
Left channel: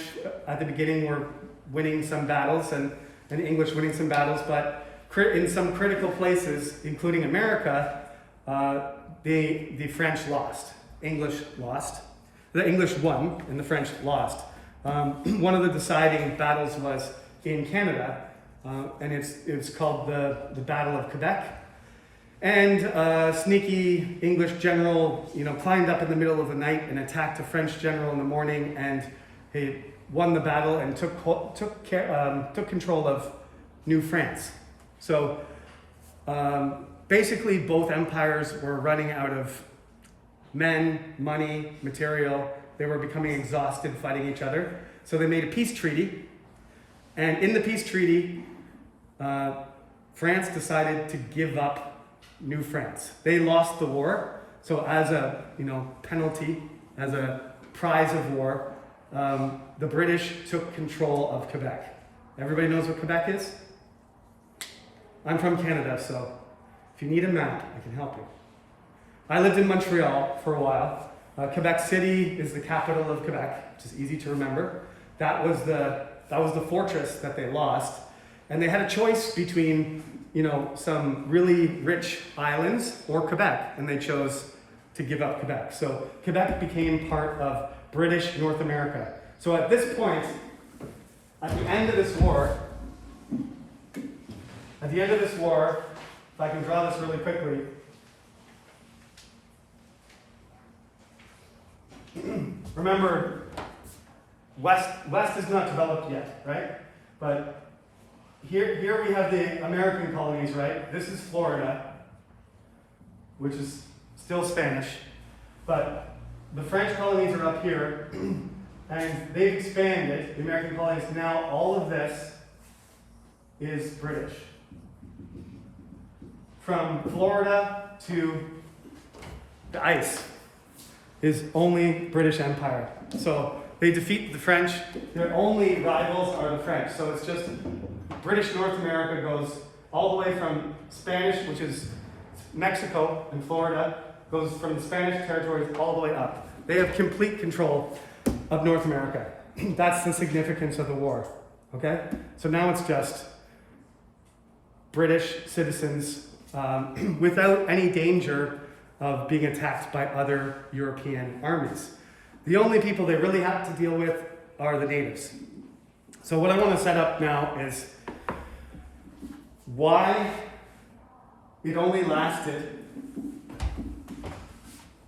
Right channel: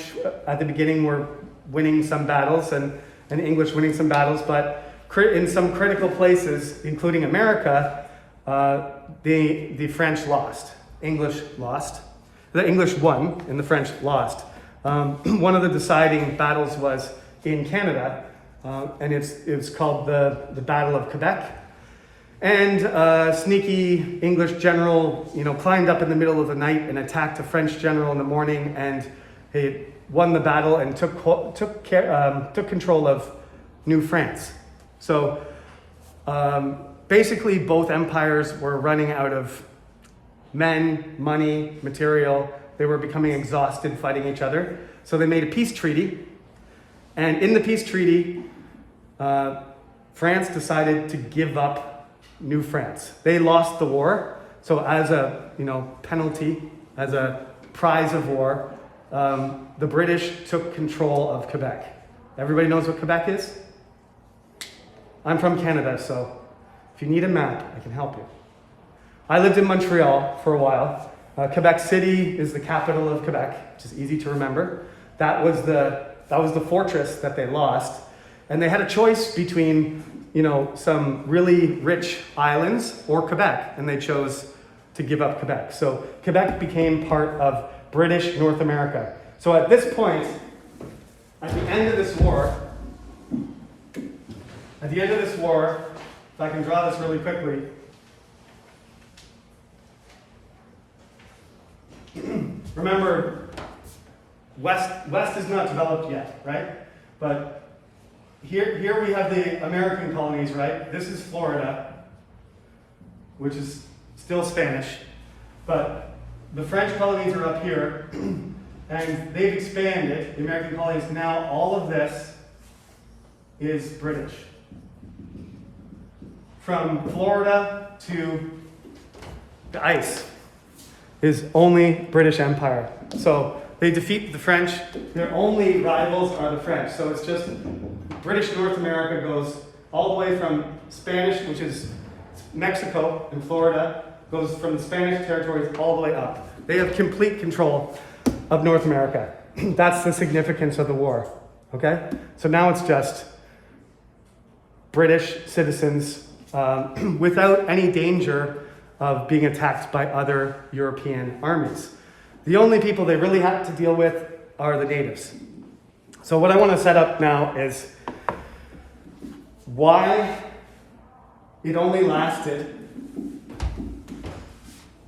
at the beginning, were winning some battles, and the English winning some battles, but in some critical places, including America, the French lost. English lost. The English won, and the French lost. One of the deciding battles was in Canada, and it was called the Battle of Quebec. And a sneaky English general, climbed up in the middle of the night and attacked a French general in the morning, and he won the battle and took control of New France. So basically, both empires were running out of men, money, material. They were becoming exhausted fighting each other. So they made a peace treaty. And in the peace treaty, France decided to give up New France. They lost the war. So as a penalty, as a prize of war, the British took control of Quebec. Everybody knows what Quebec is? I'm from Canada, so if you need a map, I can help you. I lived in Montreal for a while. Quebec City is the capital of Quebec, which is easy to remember. That was the fortress that they lost. And they had a choice between, some really rich islands or Quebec, and they chose to give up Quebec. So Quebec became part of British North America. So at this point, at the end of this war, if I can draw this really quickly, remember, West is not developed yet, right? But here we have the American colonies, right? This is Florida, which is still Spanish, but the French colonies are up here, and they've expanded, the American colonies. Now all of this is British. From Florida to the ice is only British Empire. So they defeat the French. Their only rivals are the French. So it's just British North America goes all the way from Spanish, which is Mexico and Florida, goes from the Spanish territories all the way up. They have complete control of North America. That's the significance of the war, okay? So now it's just British citizens without any danger of being attacked by other European armies. The only people they really have to deal with are the natives. So what I want to set up now is why it only lasted.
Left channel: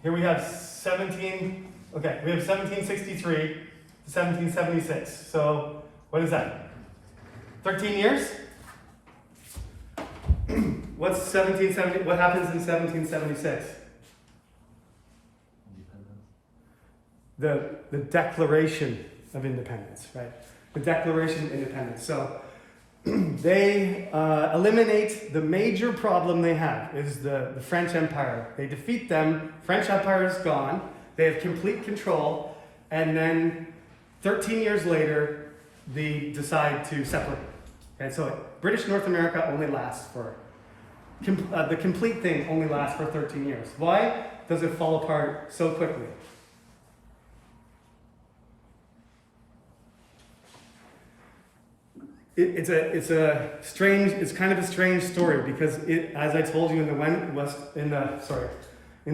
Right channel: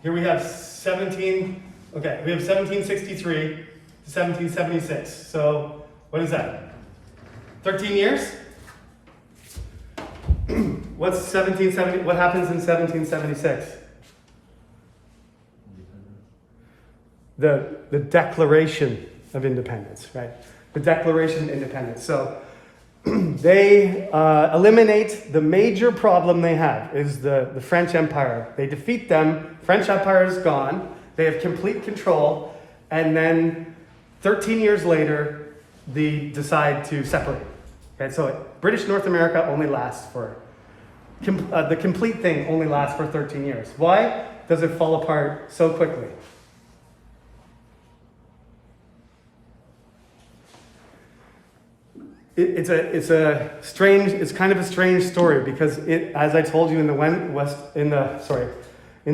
Here we have 1763 to 1776. So what is that? 13 years? What happens in 1776? The Declaration of Independence, right? The Declaration of Independence. So they eliminate the major problem they have is the French Empire. They defeat them. French Empire is gone. They have complete control. And then 13 years later, they decide to separate. Okay, so British North America only lasts for, the complete thing only lasts for 13 years. Why does it fall apart so quickly? It's kind of a strange story because as I told you in the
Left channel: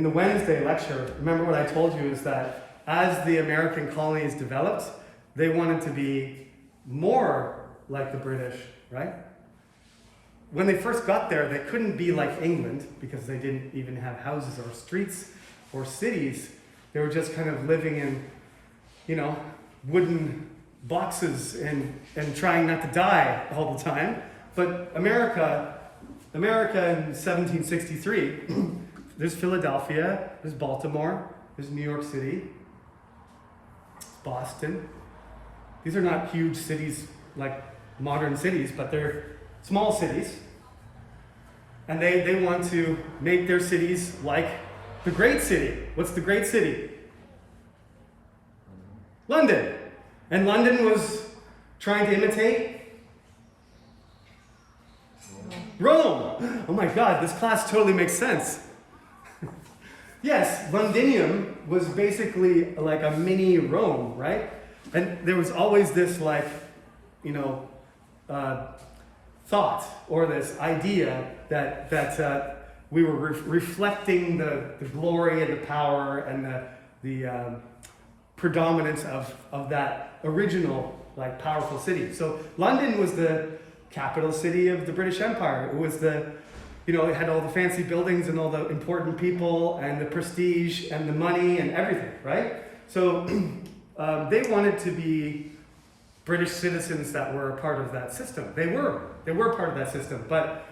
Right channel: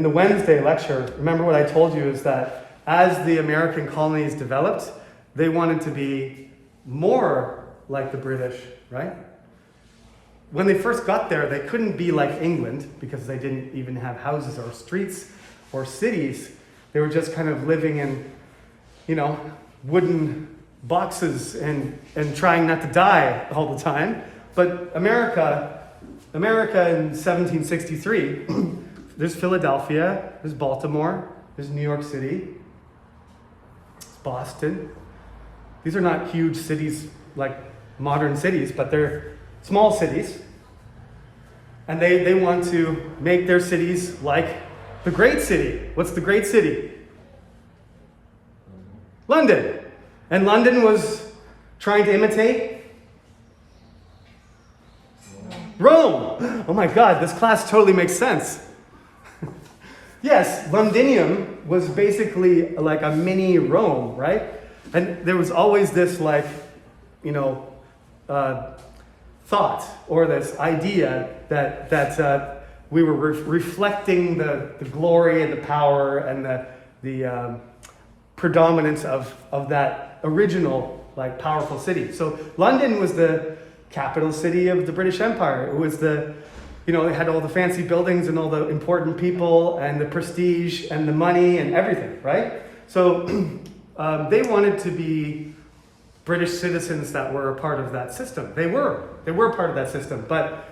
Wednesday lecture, remember what I told you is that as the American colonies developed, they wanted to be more like the British, right? When they first got there, they couldn't be like England because they didn't even have houses or streets or cities. They were just kind of living in, wooden boxes and trying not to die all the time. But America in 1763, there's Philadelphia, there's Baltimore, there's New York City, there's Boston. These are not huge cities like modern cities, but they're small cities. And they want to make their cities like the great city. What's the great city? London. And London was trying to imitate Rome. Oh my God, this class totally makes sense. Yes, Londinium was basically like a mini Rome, right? And there was always this thought or this idea that we were reflecting the glory and the power and the predominance of that original powerful city. So London was the capital city of the British Empire. It was it had all the fancy buildings and all the important people and the prestige and the money and everything, right? So they wanted to be British citizens that were a part of that system. They were part of that system. But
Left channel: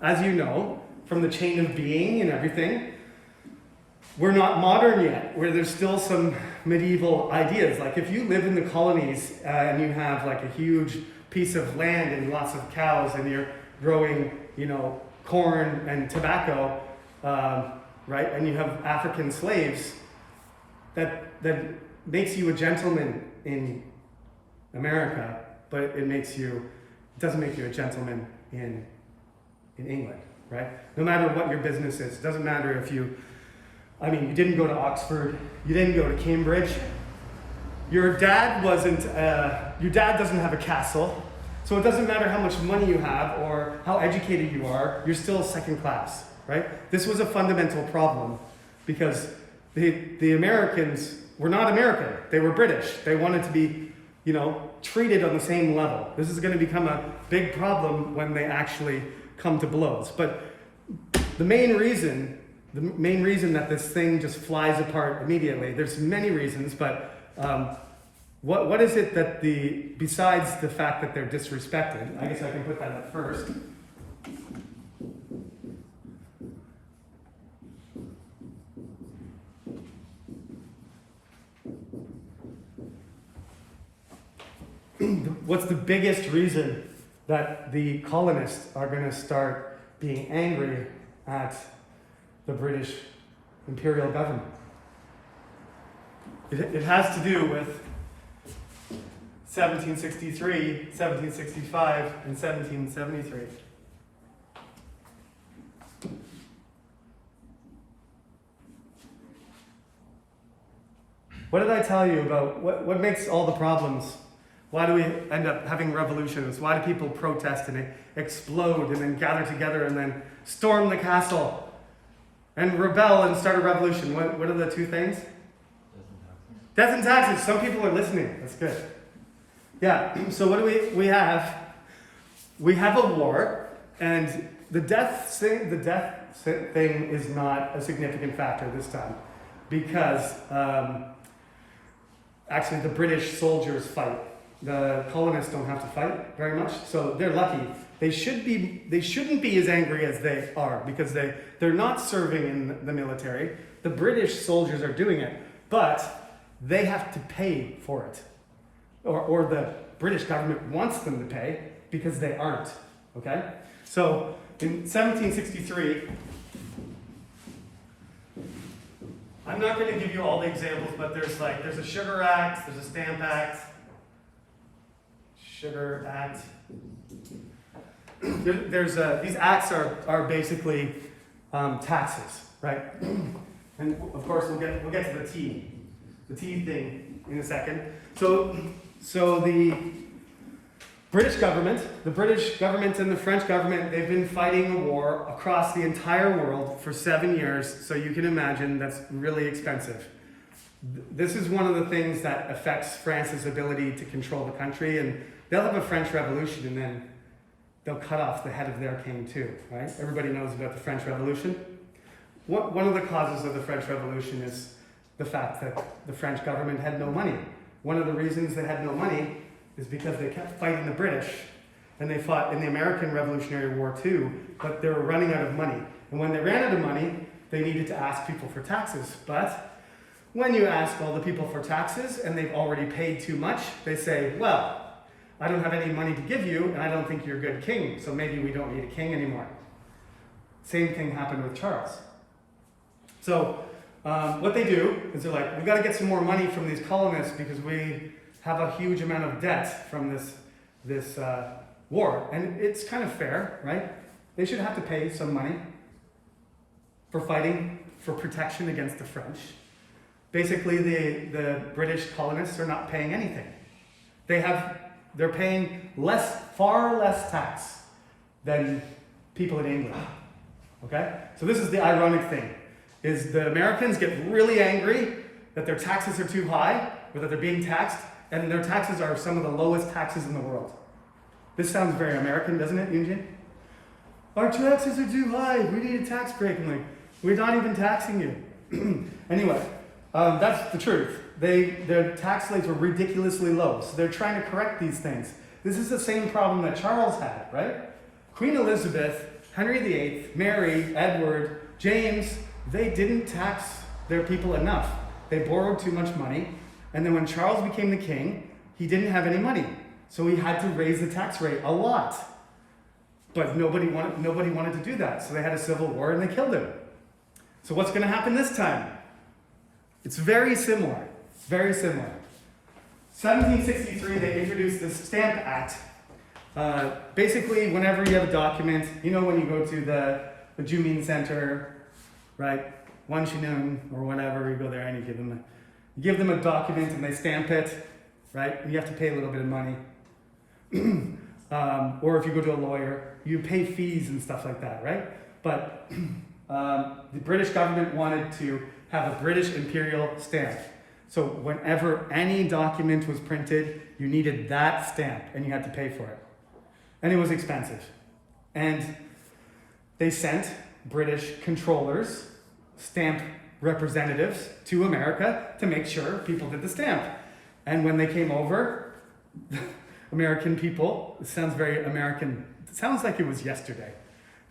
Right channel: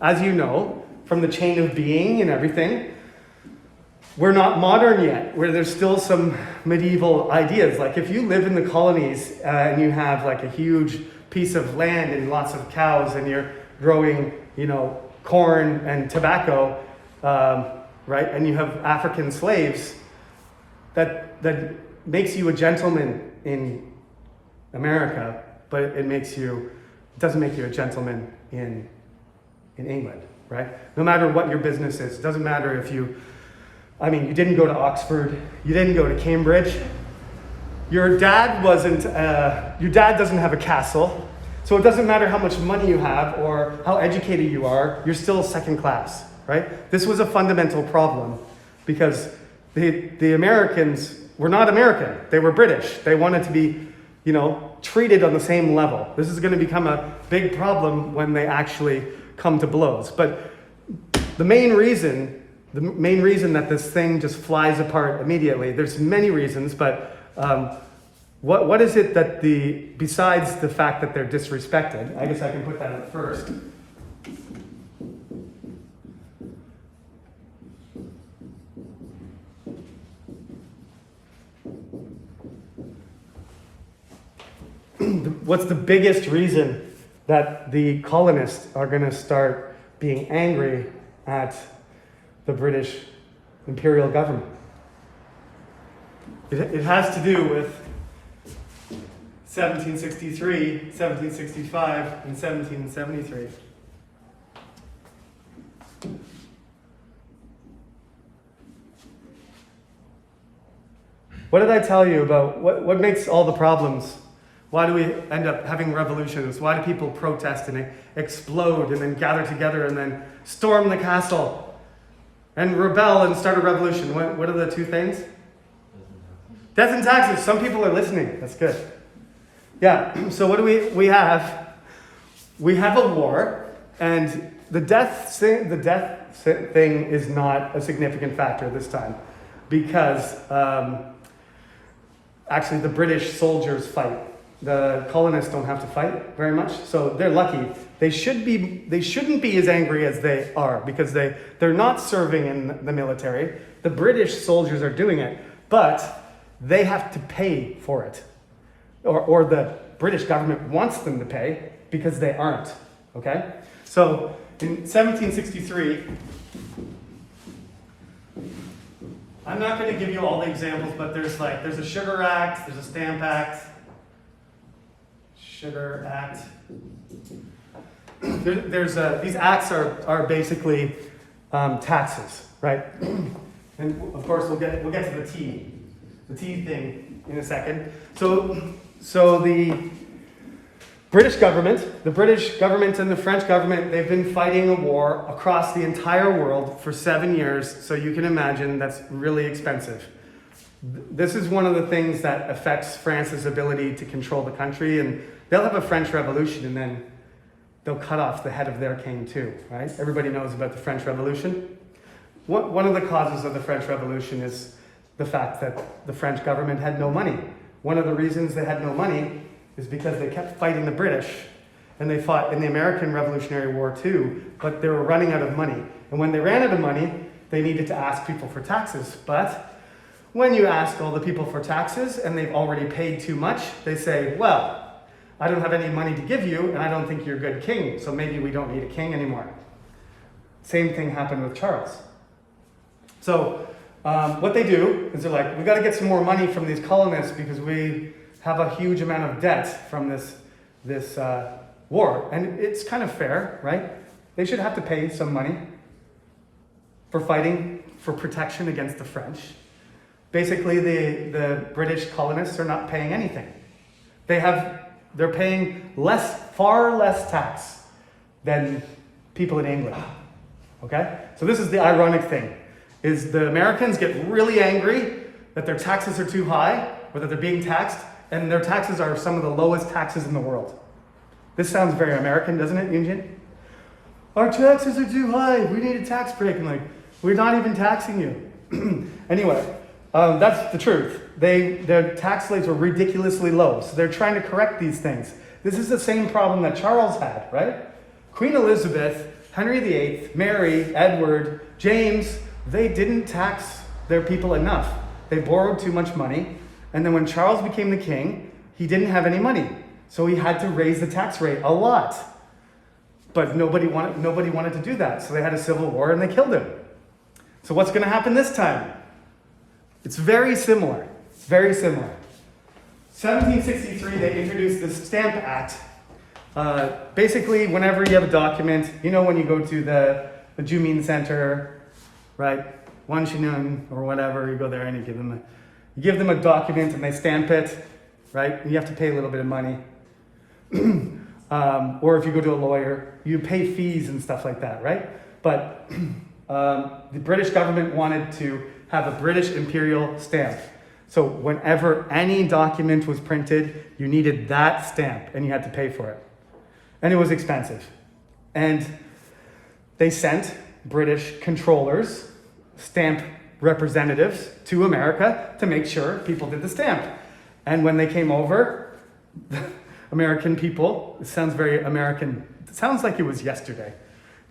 as you know, from the chain of being and everything, we're not modern yet, where there's still some medieval ideas. Like if you live in the colonies and you have like a huge piece of land and lots of cows and you're growing, corn and tobacco, right? And you have African slaves, that that makes you a gentleman in America, but it doesn't make you a gentleman in England, right? No matter what your business is, it doesn't matter if you didn't go to Oxford, you didn't go to Cambridge, your dad doesn't have a castle, so it doesn't matter how much money you have or how educated you are, you're still second class, right? This was a fundamental problem because the Americans were not American, they were British. They wanted to be, treated on the same level. This is going to become a big problem when they actually come to blows. But the main reason that this thing just flies apart immediately, there's many reasons, but what is it that besides the fact that they're disrespected, I guess I can put that up first. What's the biggest reason that the colonists are going to start being angry at the British Imperial government? It has to do with 1763, 1765, and 1773. What did I tell you about what makes all the problems? Why do we end up having revolutions? Why do people protest and explode and then gather together and then storm the castle and rebel and start a revolution? What are the two things? Death and taxes. Some people are listening. That's good. Yeah, so what do we have? We have a war, and the death thing is not a significant factor this time because actually the British soldiers fight. The colonists don't have to fight very much, so they're lucky. They shouldn't be as angry as they are because they're not serving in the military. The British soldiers are doing it, but they have to pay for it. Or the British government wants them to pay because they aren't, okay? So in 1763, I'm not going to give you all the examples, but there's a Sugar Act, there's a Stamp Act, Sugar Act. These acts are basically taxes, right? And of course we'll get to the tea thing in a second. So the British government and the French government, they've been fighting a war across the entire world for 7 years. So you can imagine that's really expensive. This is one of the things that affects France's ability to control the country, and they'll have a French Revolution and then they'll cut off the head of their king too, right? Everybody knows about the French Revolution. One of the causes of the French Revolution is the fact that the French government had no money. One of the reasons they had no money is because they kept fighting the British, and they fought in the American Revolutionary War too, but they were running out of money. And when they ran out of money, they needed to ask people for taxes. But when you ask all the people for taxes and they've already paid too much, they say, well, I don't have any money to give you, and I don't think you're a good king, so maybe we don't need a king anymore. Same thing happened with Charles. So what they do is they're like, we got to get some more money from these colonists because we have a huge amount of debt from this war. And it's kind of fair, right? They should have to pay some money for fighting for protection against the French. Basically, the British colonists are not paying anything. They're paying far less tax than people in England. Okay? So this is the ironic thing, is the Americans get really angry that their taxes are too high, or that they're being taxed, and their taxes are some of the lowest taxes in the world. This sounds very American, doesn't it, Yunjin? Our taxes are too high, we need a tax break. And like, we're not even taxing you. Anyway, that's the truth. Their tax rates were ridiculously low, so they're trying to correct these things. This is the same problem that Charles had, right? Queen Elizabeth, Henry VIII, Mary, Edward, James, they didn't tax their people enough. They borrowed too much money, and then when Charles became the king, he didn't have any money, so he had to raise the tax rate a lot. But nobody wanted to do that, so they had a civil war and they killed him. So what's going to happen this time? It's very similar. Very similar. 1763, they introduced the Stamp Act. Basically, whenever you have a document, when you go to the Jumean Center, right? Wanshinun or whatever, you go there and you give them a document and they stamp it, right? And you have to pay a little bit of money. Or if you go to a lawyer, you pay fees and stuff like that, right? But the British government wanted to have a British Imperial stamp. So whenever any document was printed, you needed that stamp and you had to pay for it. And it was expensive. And they sent British controllers, stamp representatives to America to make sure people did the stamp. And when they came over, the American people, it sounds very American, it sounds like it was yesterday.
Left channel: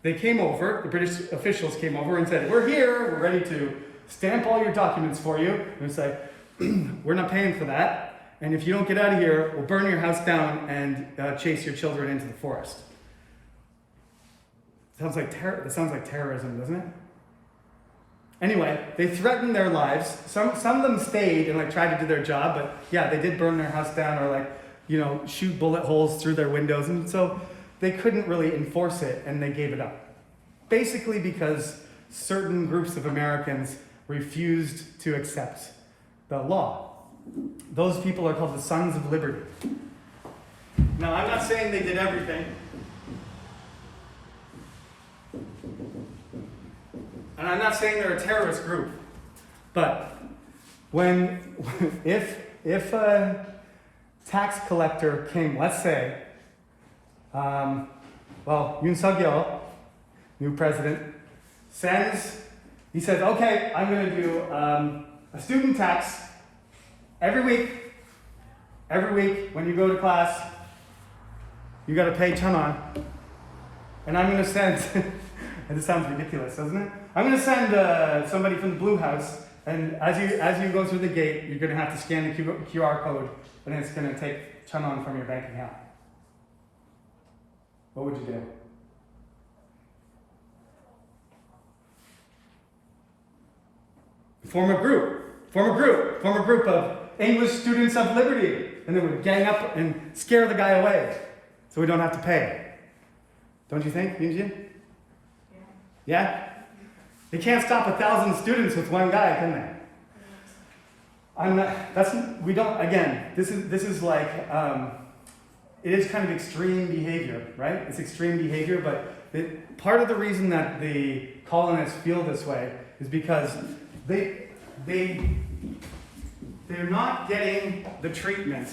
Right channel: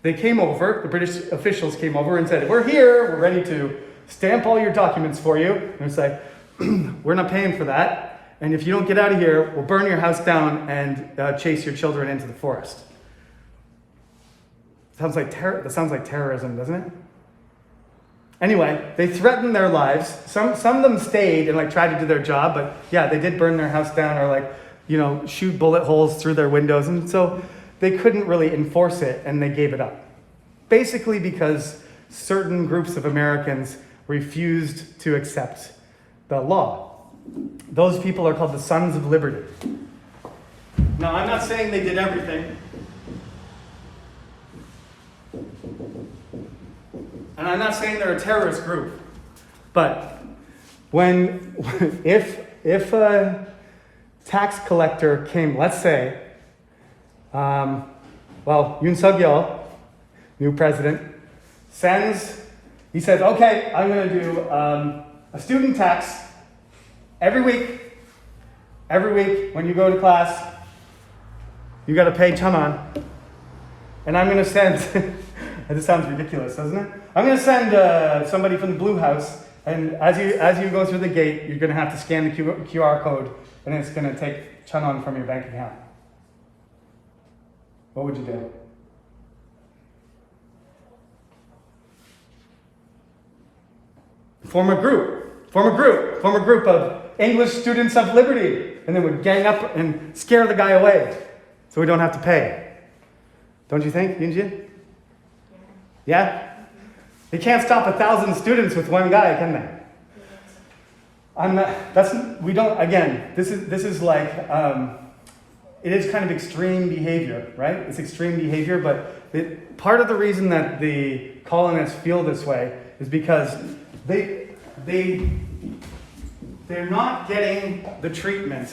They came over, the British officials came over and said, "We're here, we're ready to stamp all your documents for you." And it's like, "We're not paying for that. And if you don't get out of here, we'll burn your house down and chase your children into the forest." That sounds like terrorism, doesn't it? Anyway, they threatened their lives. Some of them stayed and tried to do their job, but yeah, they did burn their house down or shoot bullet holes through their windows. And so they couldn't really enforce it and they gave it up. Basically because certain groups of Americans refused to accept the law. Those people are called the Sons of Liberty. Now, I'm not saying they did everything. And I'm not saying they're a terrorist group. But if a tax collector came, let's say, Yoon Suk-yeol, new president, he said, "Okay, I'm going to do a student tax every week. Every week when you go to class, you got to pay Chanan. And I'm going to send," this sounds ridiculous, doesn't it? "I'm going to send somebody from the Blue House, and as you go through the gate, you're going to have to scan the QR code, and it's going to take Chanan from your bank account." What would you do? Form a group of English students of liberty, and then would gang up and scare the guy away so we don't have to pay. Don't you think, Yunjin? Yeah? They can't stop 1,000 students with one guy, can they? This is like, it is kind of extreme behavior, right? It's extreme behavior, but part of the reason that the colonists feel this way is because they're not getting the treatment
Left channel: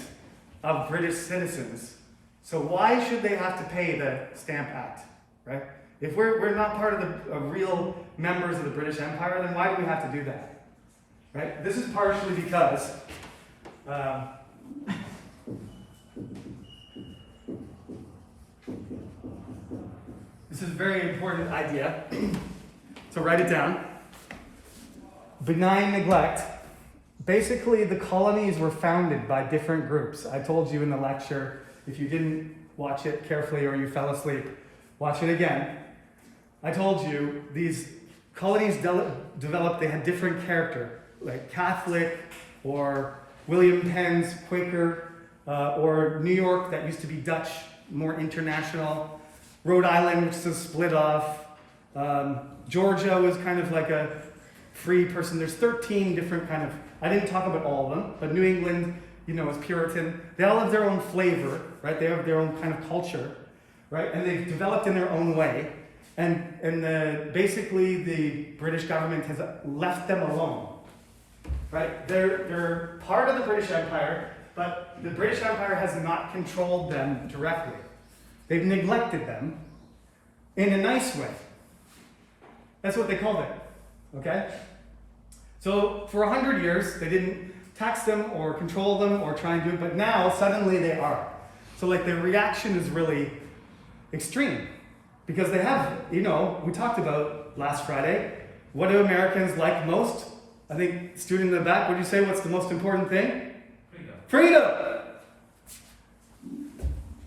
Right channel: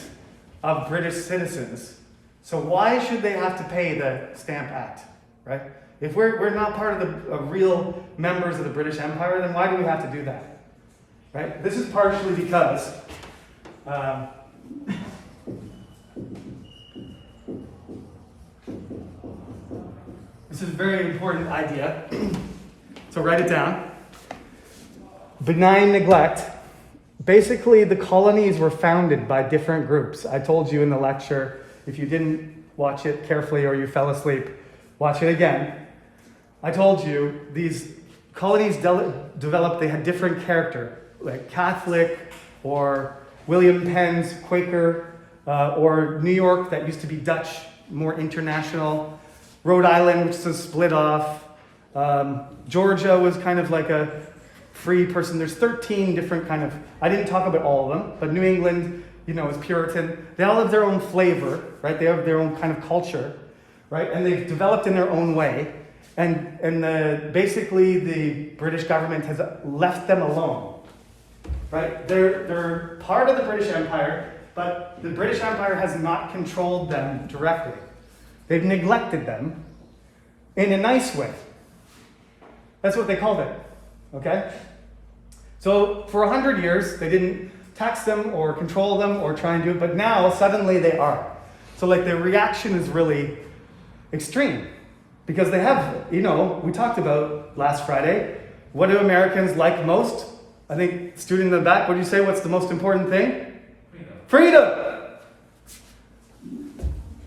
of British citizens. So why should they have to pay the Stamp Act, right? If we're not part of the real members of the British Empire, then why do we have to do that, right? This is partially because this is a very important idea, so write it down. Benign neglect. Basically, the colonies were founded by different groups. I told you in the lecture, if you didn't watch it carefully or you fell asleep, watch it again. I told you these colonies developed, they had different character, like Catholic or William Penn's Quaker, or New York that used to be Dutch, more international. Rhode Island, which was split off. Georgia was kind of like a free person. There's 13 different kind of, I didn't talk about all of them, but New England, is Puritan. They all have their own flavor, right? They have their own kind of culture, right? And they've developed in their own way. And basically the British government has left them alone, right? They're part of the British Empire, but the British Empire has not controlled them directly. They've neglected them in a nice way. That's what they called it, okay? So for 100 years, they didn't tax them or control them or try and do it, but now suddenly they are. So the reaction is really extreme because they have, we talked about last Friday, what do Americans like most? I think, student in the back, what do you say, what's the most important thing? Freedom!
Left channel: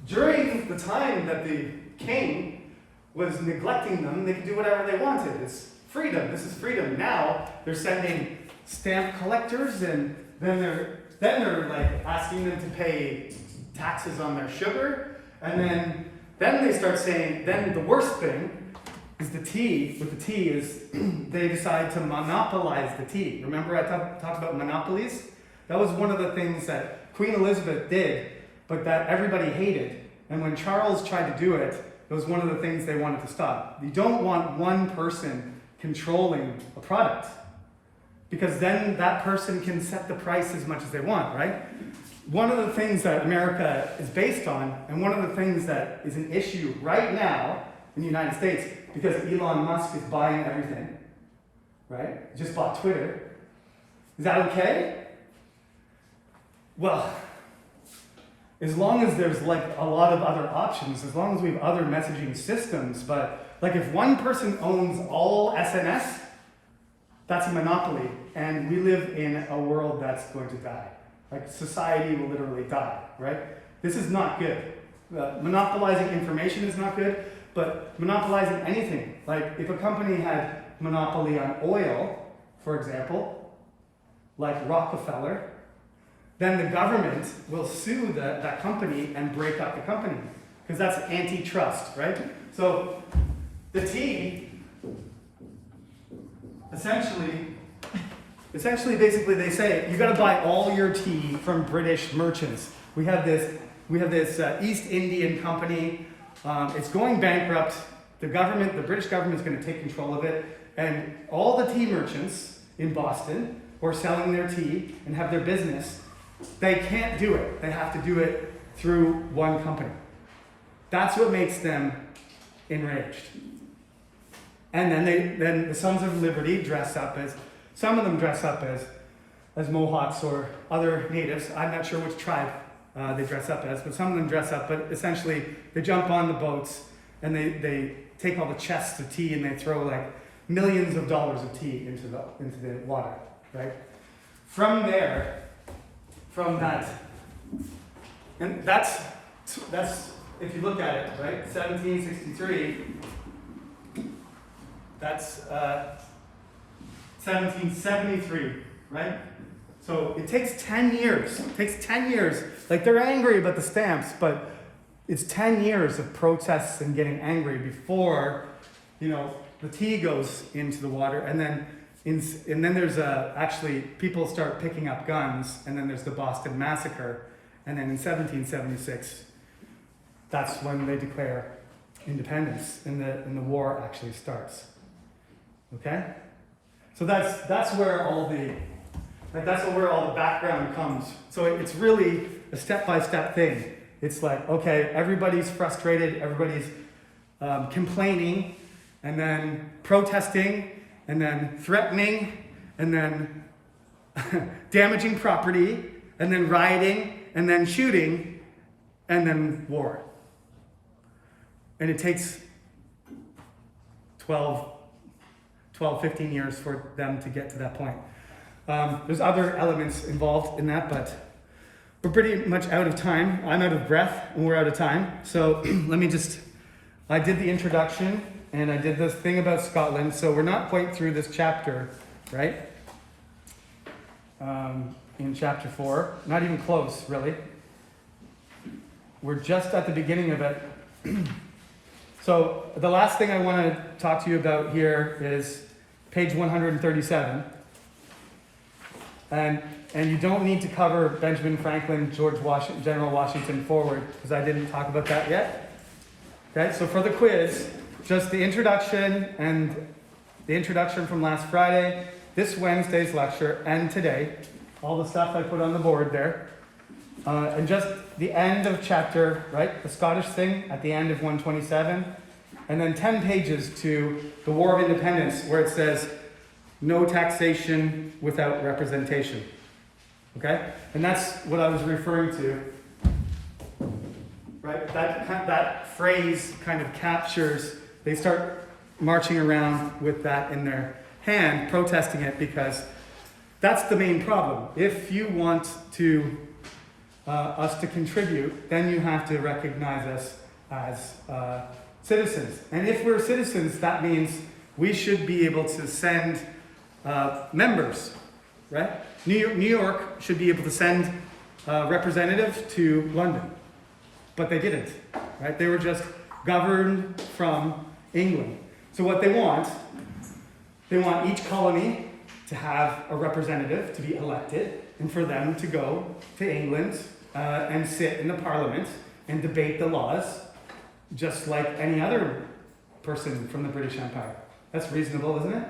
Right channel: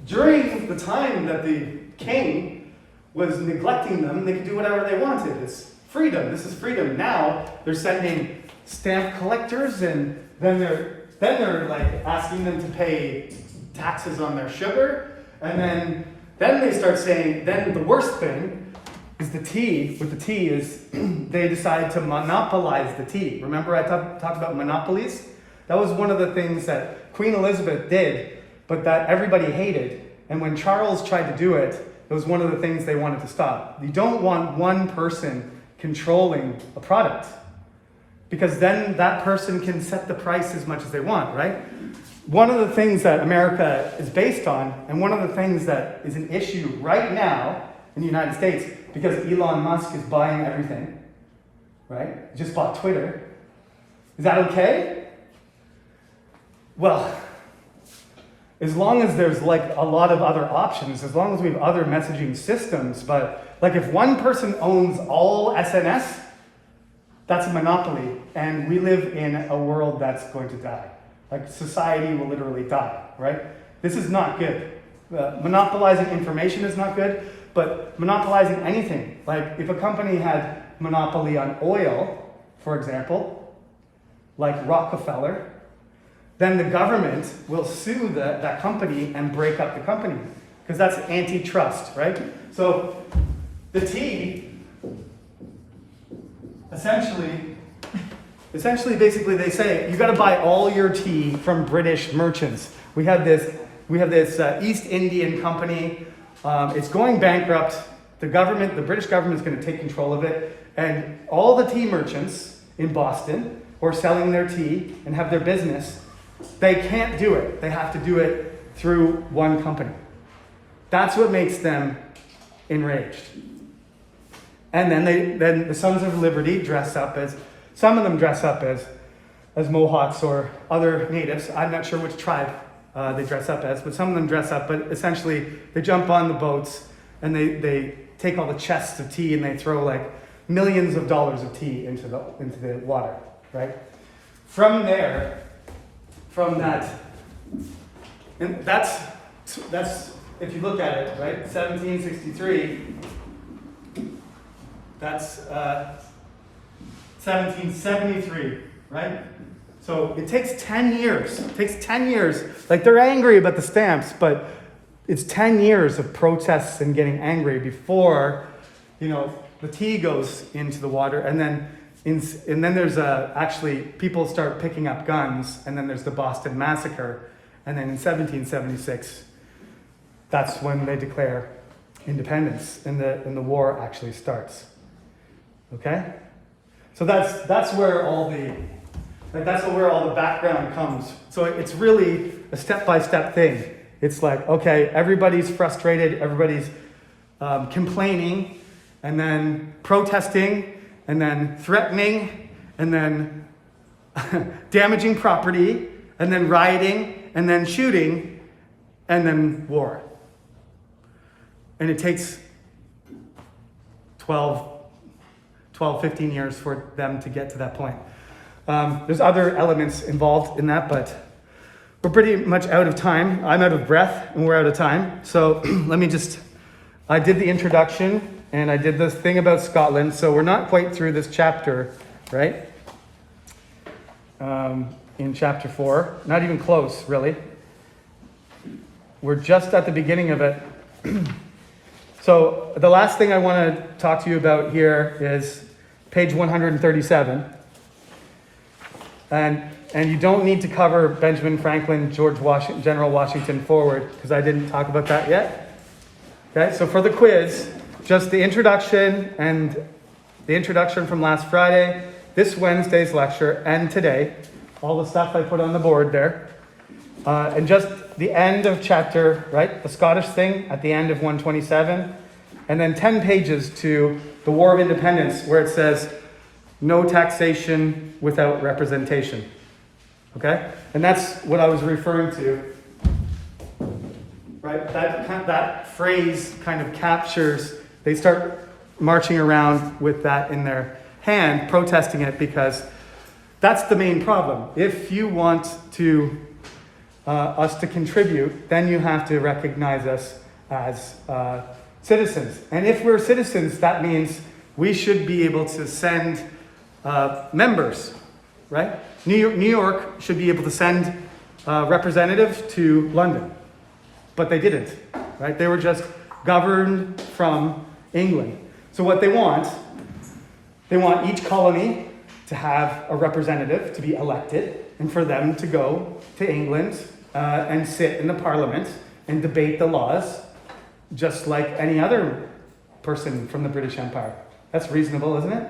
During the time that the king was neglecting them, they could do whatever they wanted. It's freedom. This is freedom. Now they're sending stamp collectors and they're like asking them to pay taxes on their sugar, and then they start saying, then the worst thing is the tea. With the tea is they decide to monopolize the tea. Remember I talked about monopolies? That was one of the things that Queen Elizabeth did, but that everybody hated. And when Charles tried to do it, it was one of the things they wanted to stop. You don't want one person controlling a product, because then that person can set the price as much as they want, right? One of the things that America is based on, and one of the things that is an issue right now in the United States, because Elon Musk is buying everything, right? He just bought Twitter. Is that okay? Well, as long as there's like a lot of other options, as long as we have other messaging systems, but like if one person owns all SNS, that's a monopoly, and we live in a world that's going to die. Like society will literally die, right? This is not good. Monopolizing information is not good, but monopolizing anything. Like if a company had monopoly on oil, for example, like Rockefeller, then the government will sue that company and break up the company, because that's antitrust, right? So the tea, essentially, basically they say, you gotta buy all your tea from British merchants. We have this East Indian company, it's going bankrupt. The British government is gonna take control of it, and all the tea merchants in Boston who are selling their tea and have their business, they can't do it. They have to do it through one company. That's what makes them enraged. And then the Sons of Liberty dress up as, some of them dress up as Mohawks or other natives. I'm not sure which tribe they dress up as, but some of them dress up. But essentially, they jump on the boats and they take all the chests of tea and they throw like millions of dollars of tea into the water, right? From that, and that's if you look at it, right? 1763. That's 1773, right? So it takes 10 years. It takes 10 years. Like they're angry about the stamps, but it's 10 years of protests and getting angry before, the tea goes into the water. And then there's actually people start picking up guns, and then there's the Boston Massacre. And then in 1776, that's when they declare independence, and the war actually starts. Okay, so that's where all the background comes. So it's really a step-by-step thing. It's like, okay, everybody's frustrated, everybody's complaining, and then protesting, and then threatening, and then damaging property, and then rioting, and then shooting, and then war. And it takes 15 years for them to get to that point. There's other elements involved in that, but we're pretty much out of time. I'm out of breath, and we're out of time. So I did the introduction, and I did this thing about Scotland, so we're not quite through this chapter, right? In chapter 4, not even close, really. We're just at the beginning of it. So the last thing I want to talk to you about here is page 137. And you don't need to cover Benjamin Franklin, General Washington forward, because I didn't talk about that yet. Okay, so for the quiz, just the introduction and the introduction from last Friday, this Wednesday's lecture, and today, all the stuff I put on the board there. And just the end of chapter, right? The Scottish thing at the end of 127. And then 10 pages to the War of Independence, where it says, no taxation without representation. Okay? And that's what I was referring to. Right? That phrase kind of captures, they start marching around with that in their hand, protesting it, because that's the main problem. If you want us to contribute, then you have to recognize us as citizens. And if we're citizens, that means we should be able to send members, right? New York should be able to send a representative to London, but they didn't, right? They were just governed from England. So what they want each colony to have a representative to be elected, and for them to go to England and sit in the parliament and debate the laws, just like any other person from the British Empire. That's reasonable, isn't it?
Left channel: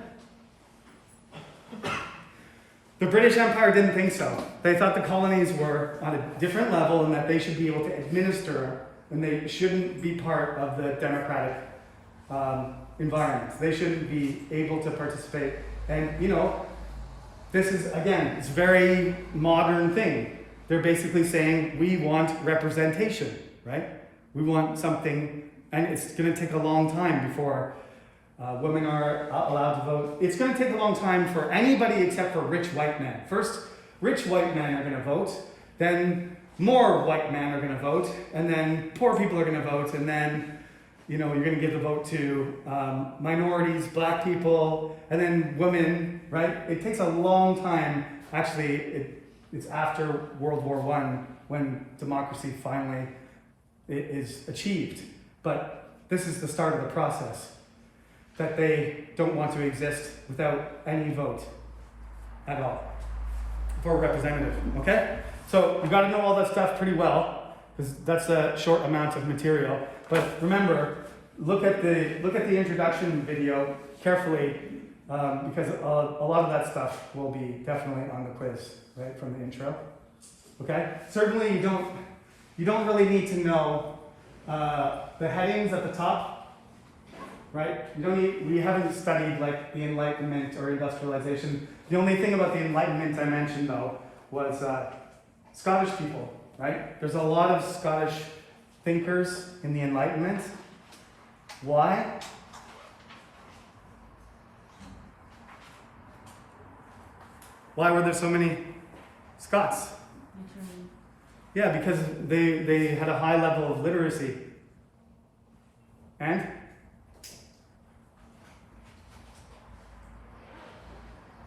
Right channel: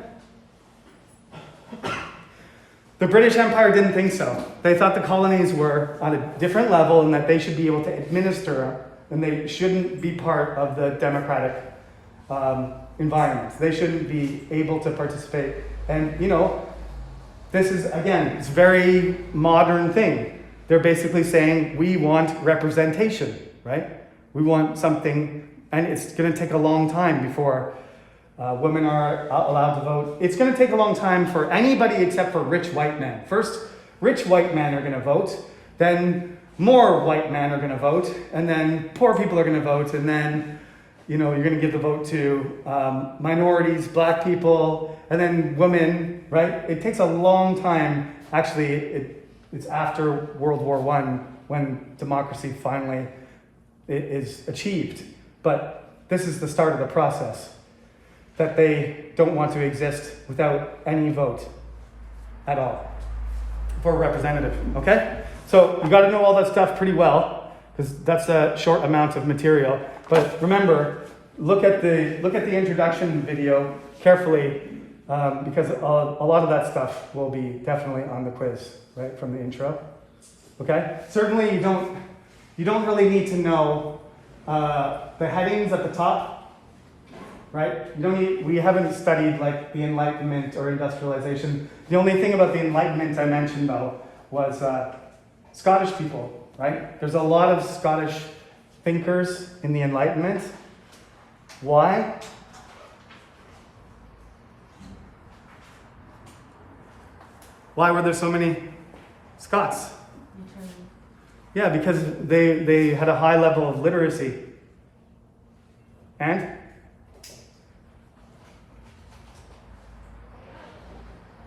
The British Empire didn't think so. They thought the colonies were on a different level and that they should be able to administer, and they shouldn't be part of the democratic environment. They shouldn't be able to participate. And, this is, again, it's a very modern thing. They're basically saying, we want representation, right? We want something, and it's going to take a long time before women are allowed to vote. It's going to take a long time for anybody except for rich white men. First, rich white men are going to vote, then more white men are going to vote, and then poor people are going to vote, and then you're going to give the vote to minorities, black people, and then women, right? It takes a long time. Actually, it's after World War I when democracy finally is achieved. But this is the start of the process, that they don't want to exist without any vote at all for a representative, okay? So you got to know all that stuff pretty well, because that's a short amount of material. But remember, look at the introduction video carefully, because a lot of that stuff will be definitely on the quiz, right, from the intro. Okay? Certainly you don't really need to know the headings at the top, right? We haven't studied like the Enlightenment or industrialization. The only thing about the Enlightenment I mentioned though was Scottish people, right? There's a lot of Scottish thinkers in the Enlightenment. Why? Why were there so many Scots? Yeah, because they had a high level of literacy. And?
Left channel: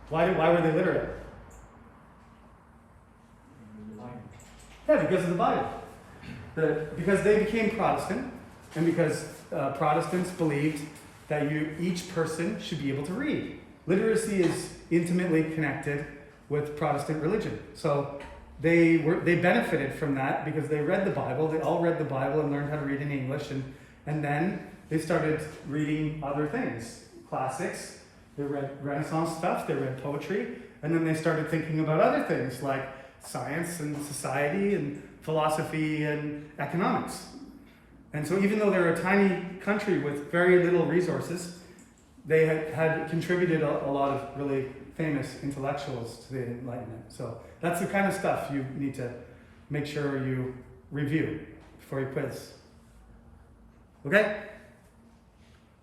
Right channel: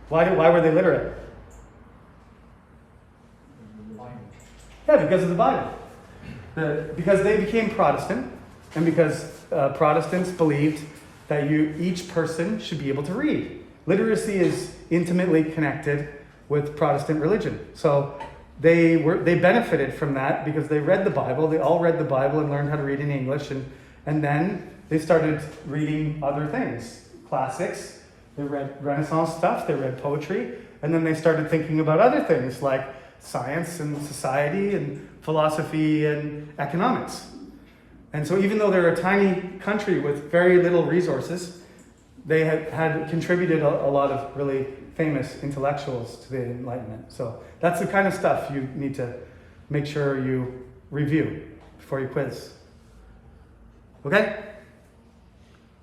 Why were they literate? Yeah, because of the Bible. Because they became Protestant, and because Protestants believed that each person should be able to read. Literacy is intimately connected with Protestant religion. So they benefited from that because they read the Bible. They all read the Bible and learned how to read in English, and then they started reading other things, classics. They read Renaissance stuff, they read poetry, and then they started thinking about other things like science and society and philosophy and economics. And so even though they're a tiny country with very little resources, they had contributed a lot of really famous intellectuals to the Enlightenment. So that's the kind of stuff you need to make sure you review before you quiz. Okay?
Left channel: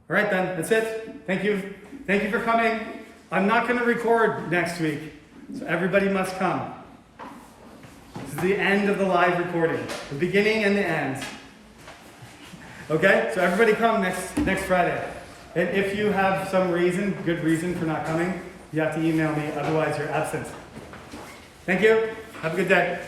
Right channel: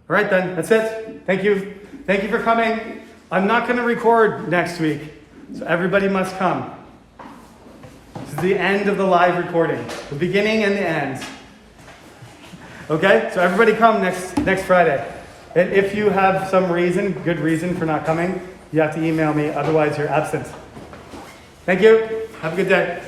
All right then, that's it. Thank you. Thank you for coming. I'm not going to record next week, so everybody must come. This is the end of the live recording, the beginning and the end. Okay? So everybody come next Friday. And if you have some good reason for not coming, you have to email me, otherwise you're absent. Thank you. Have a good day.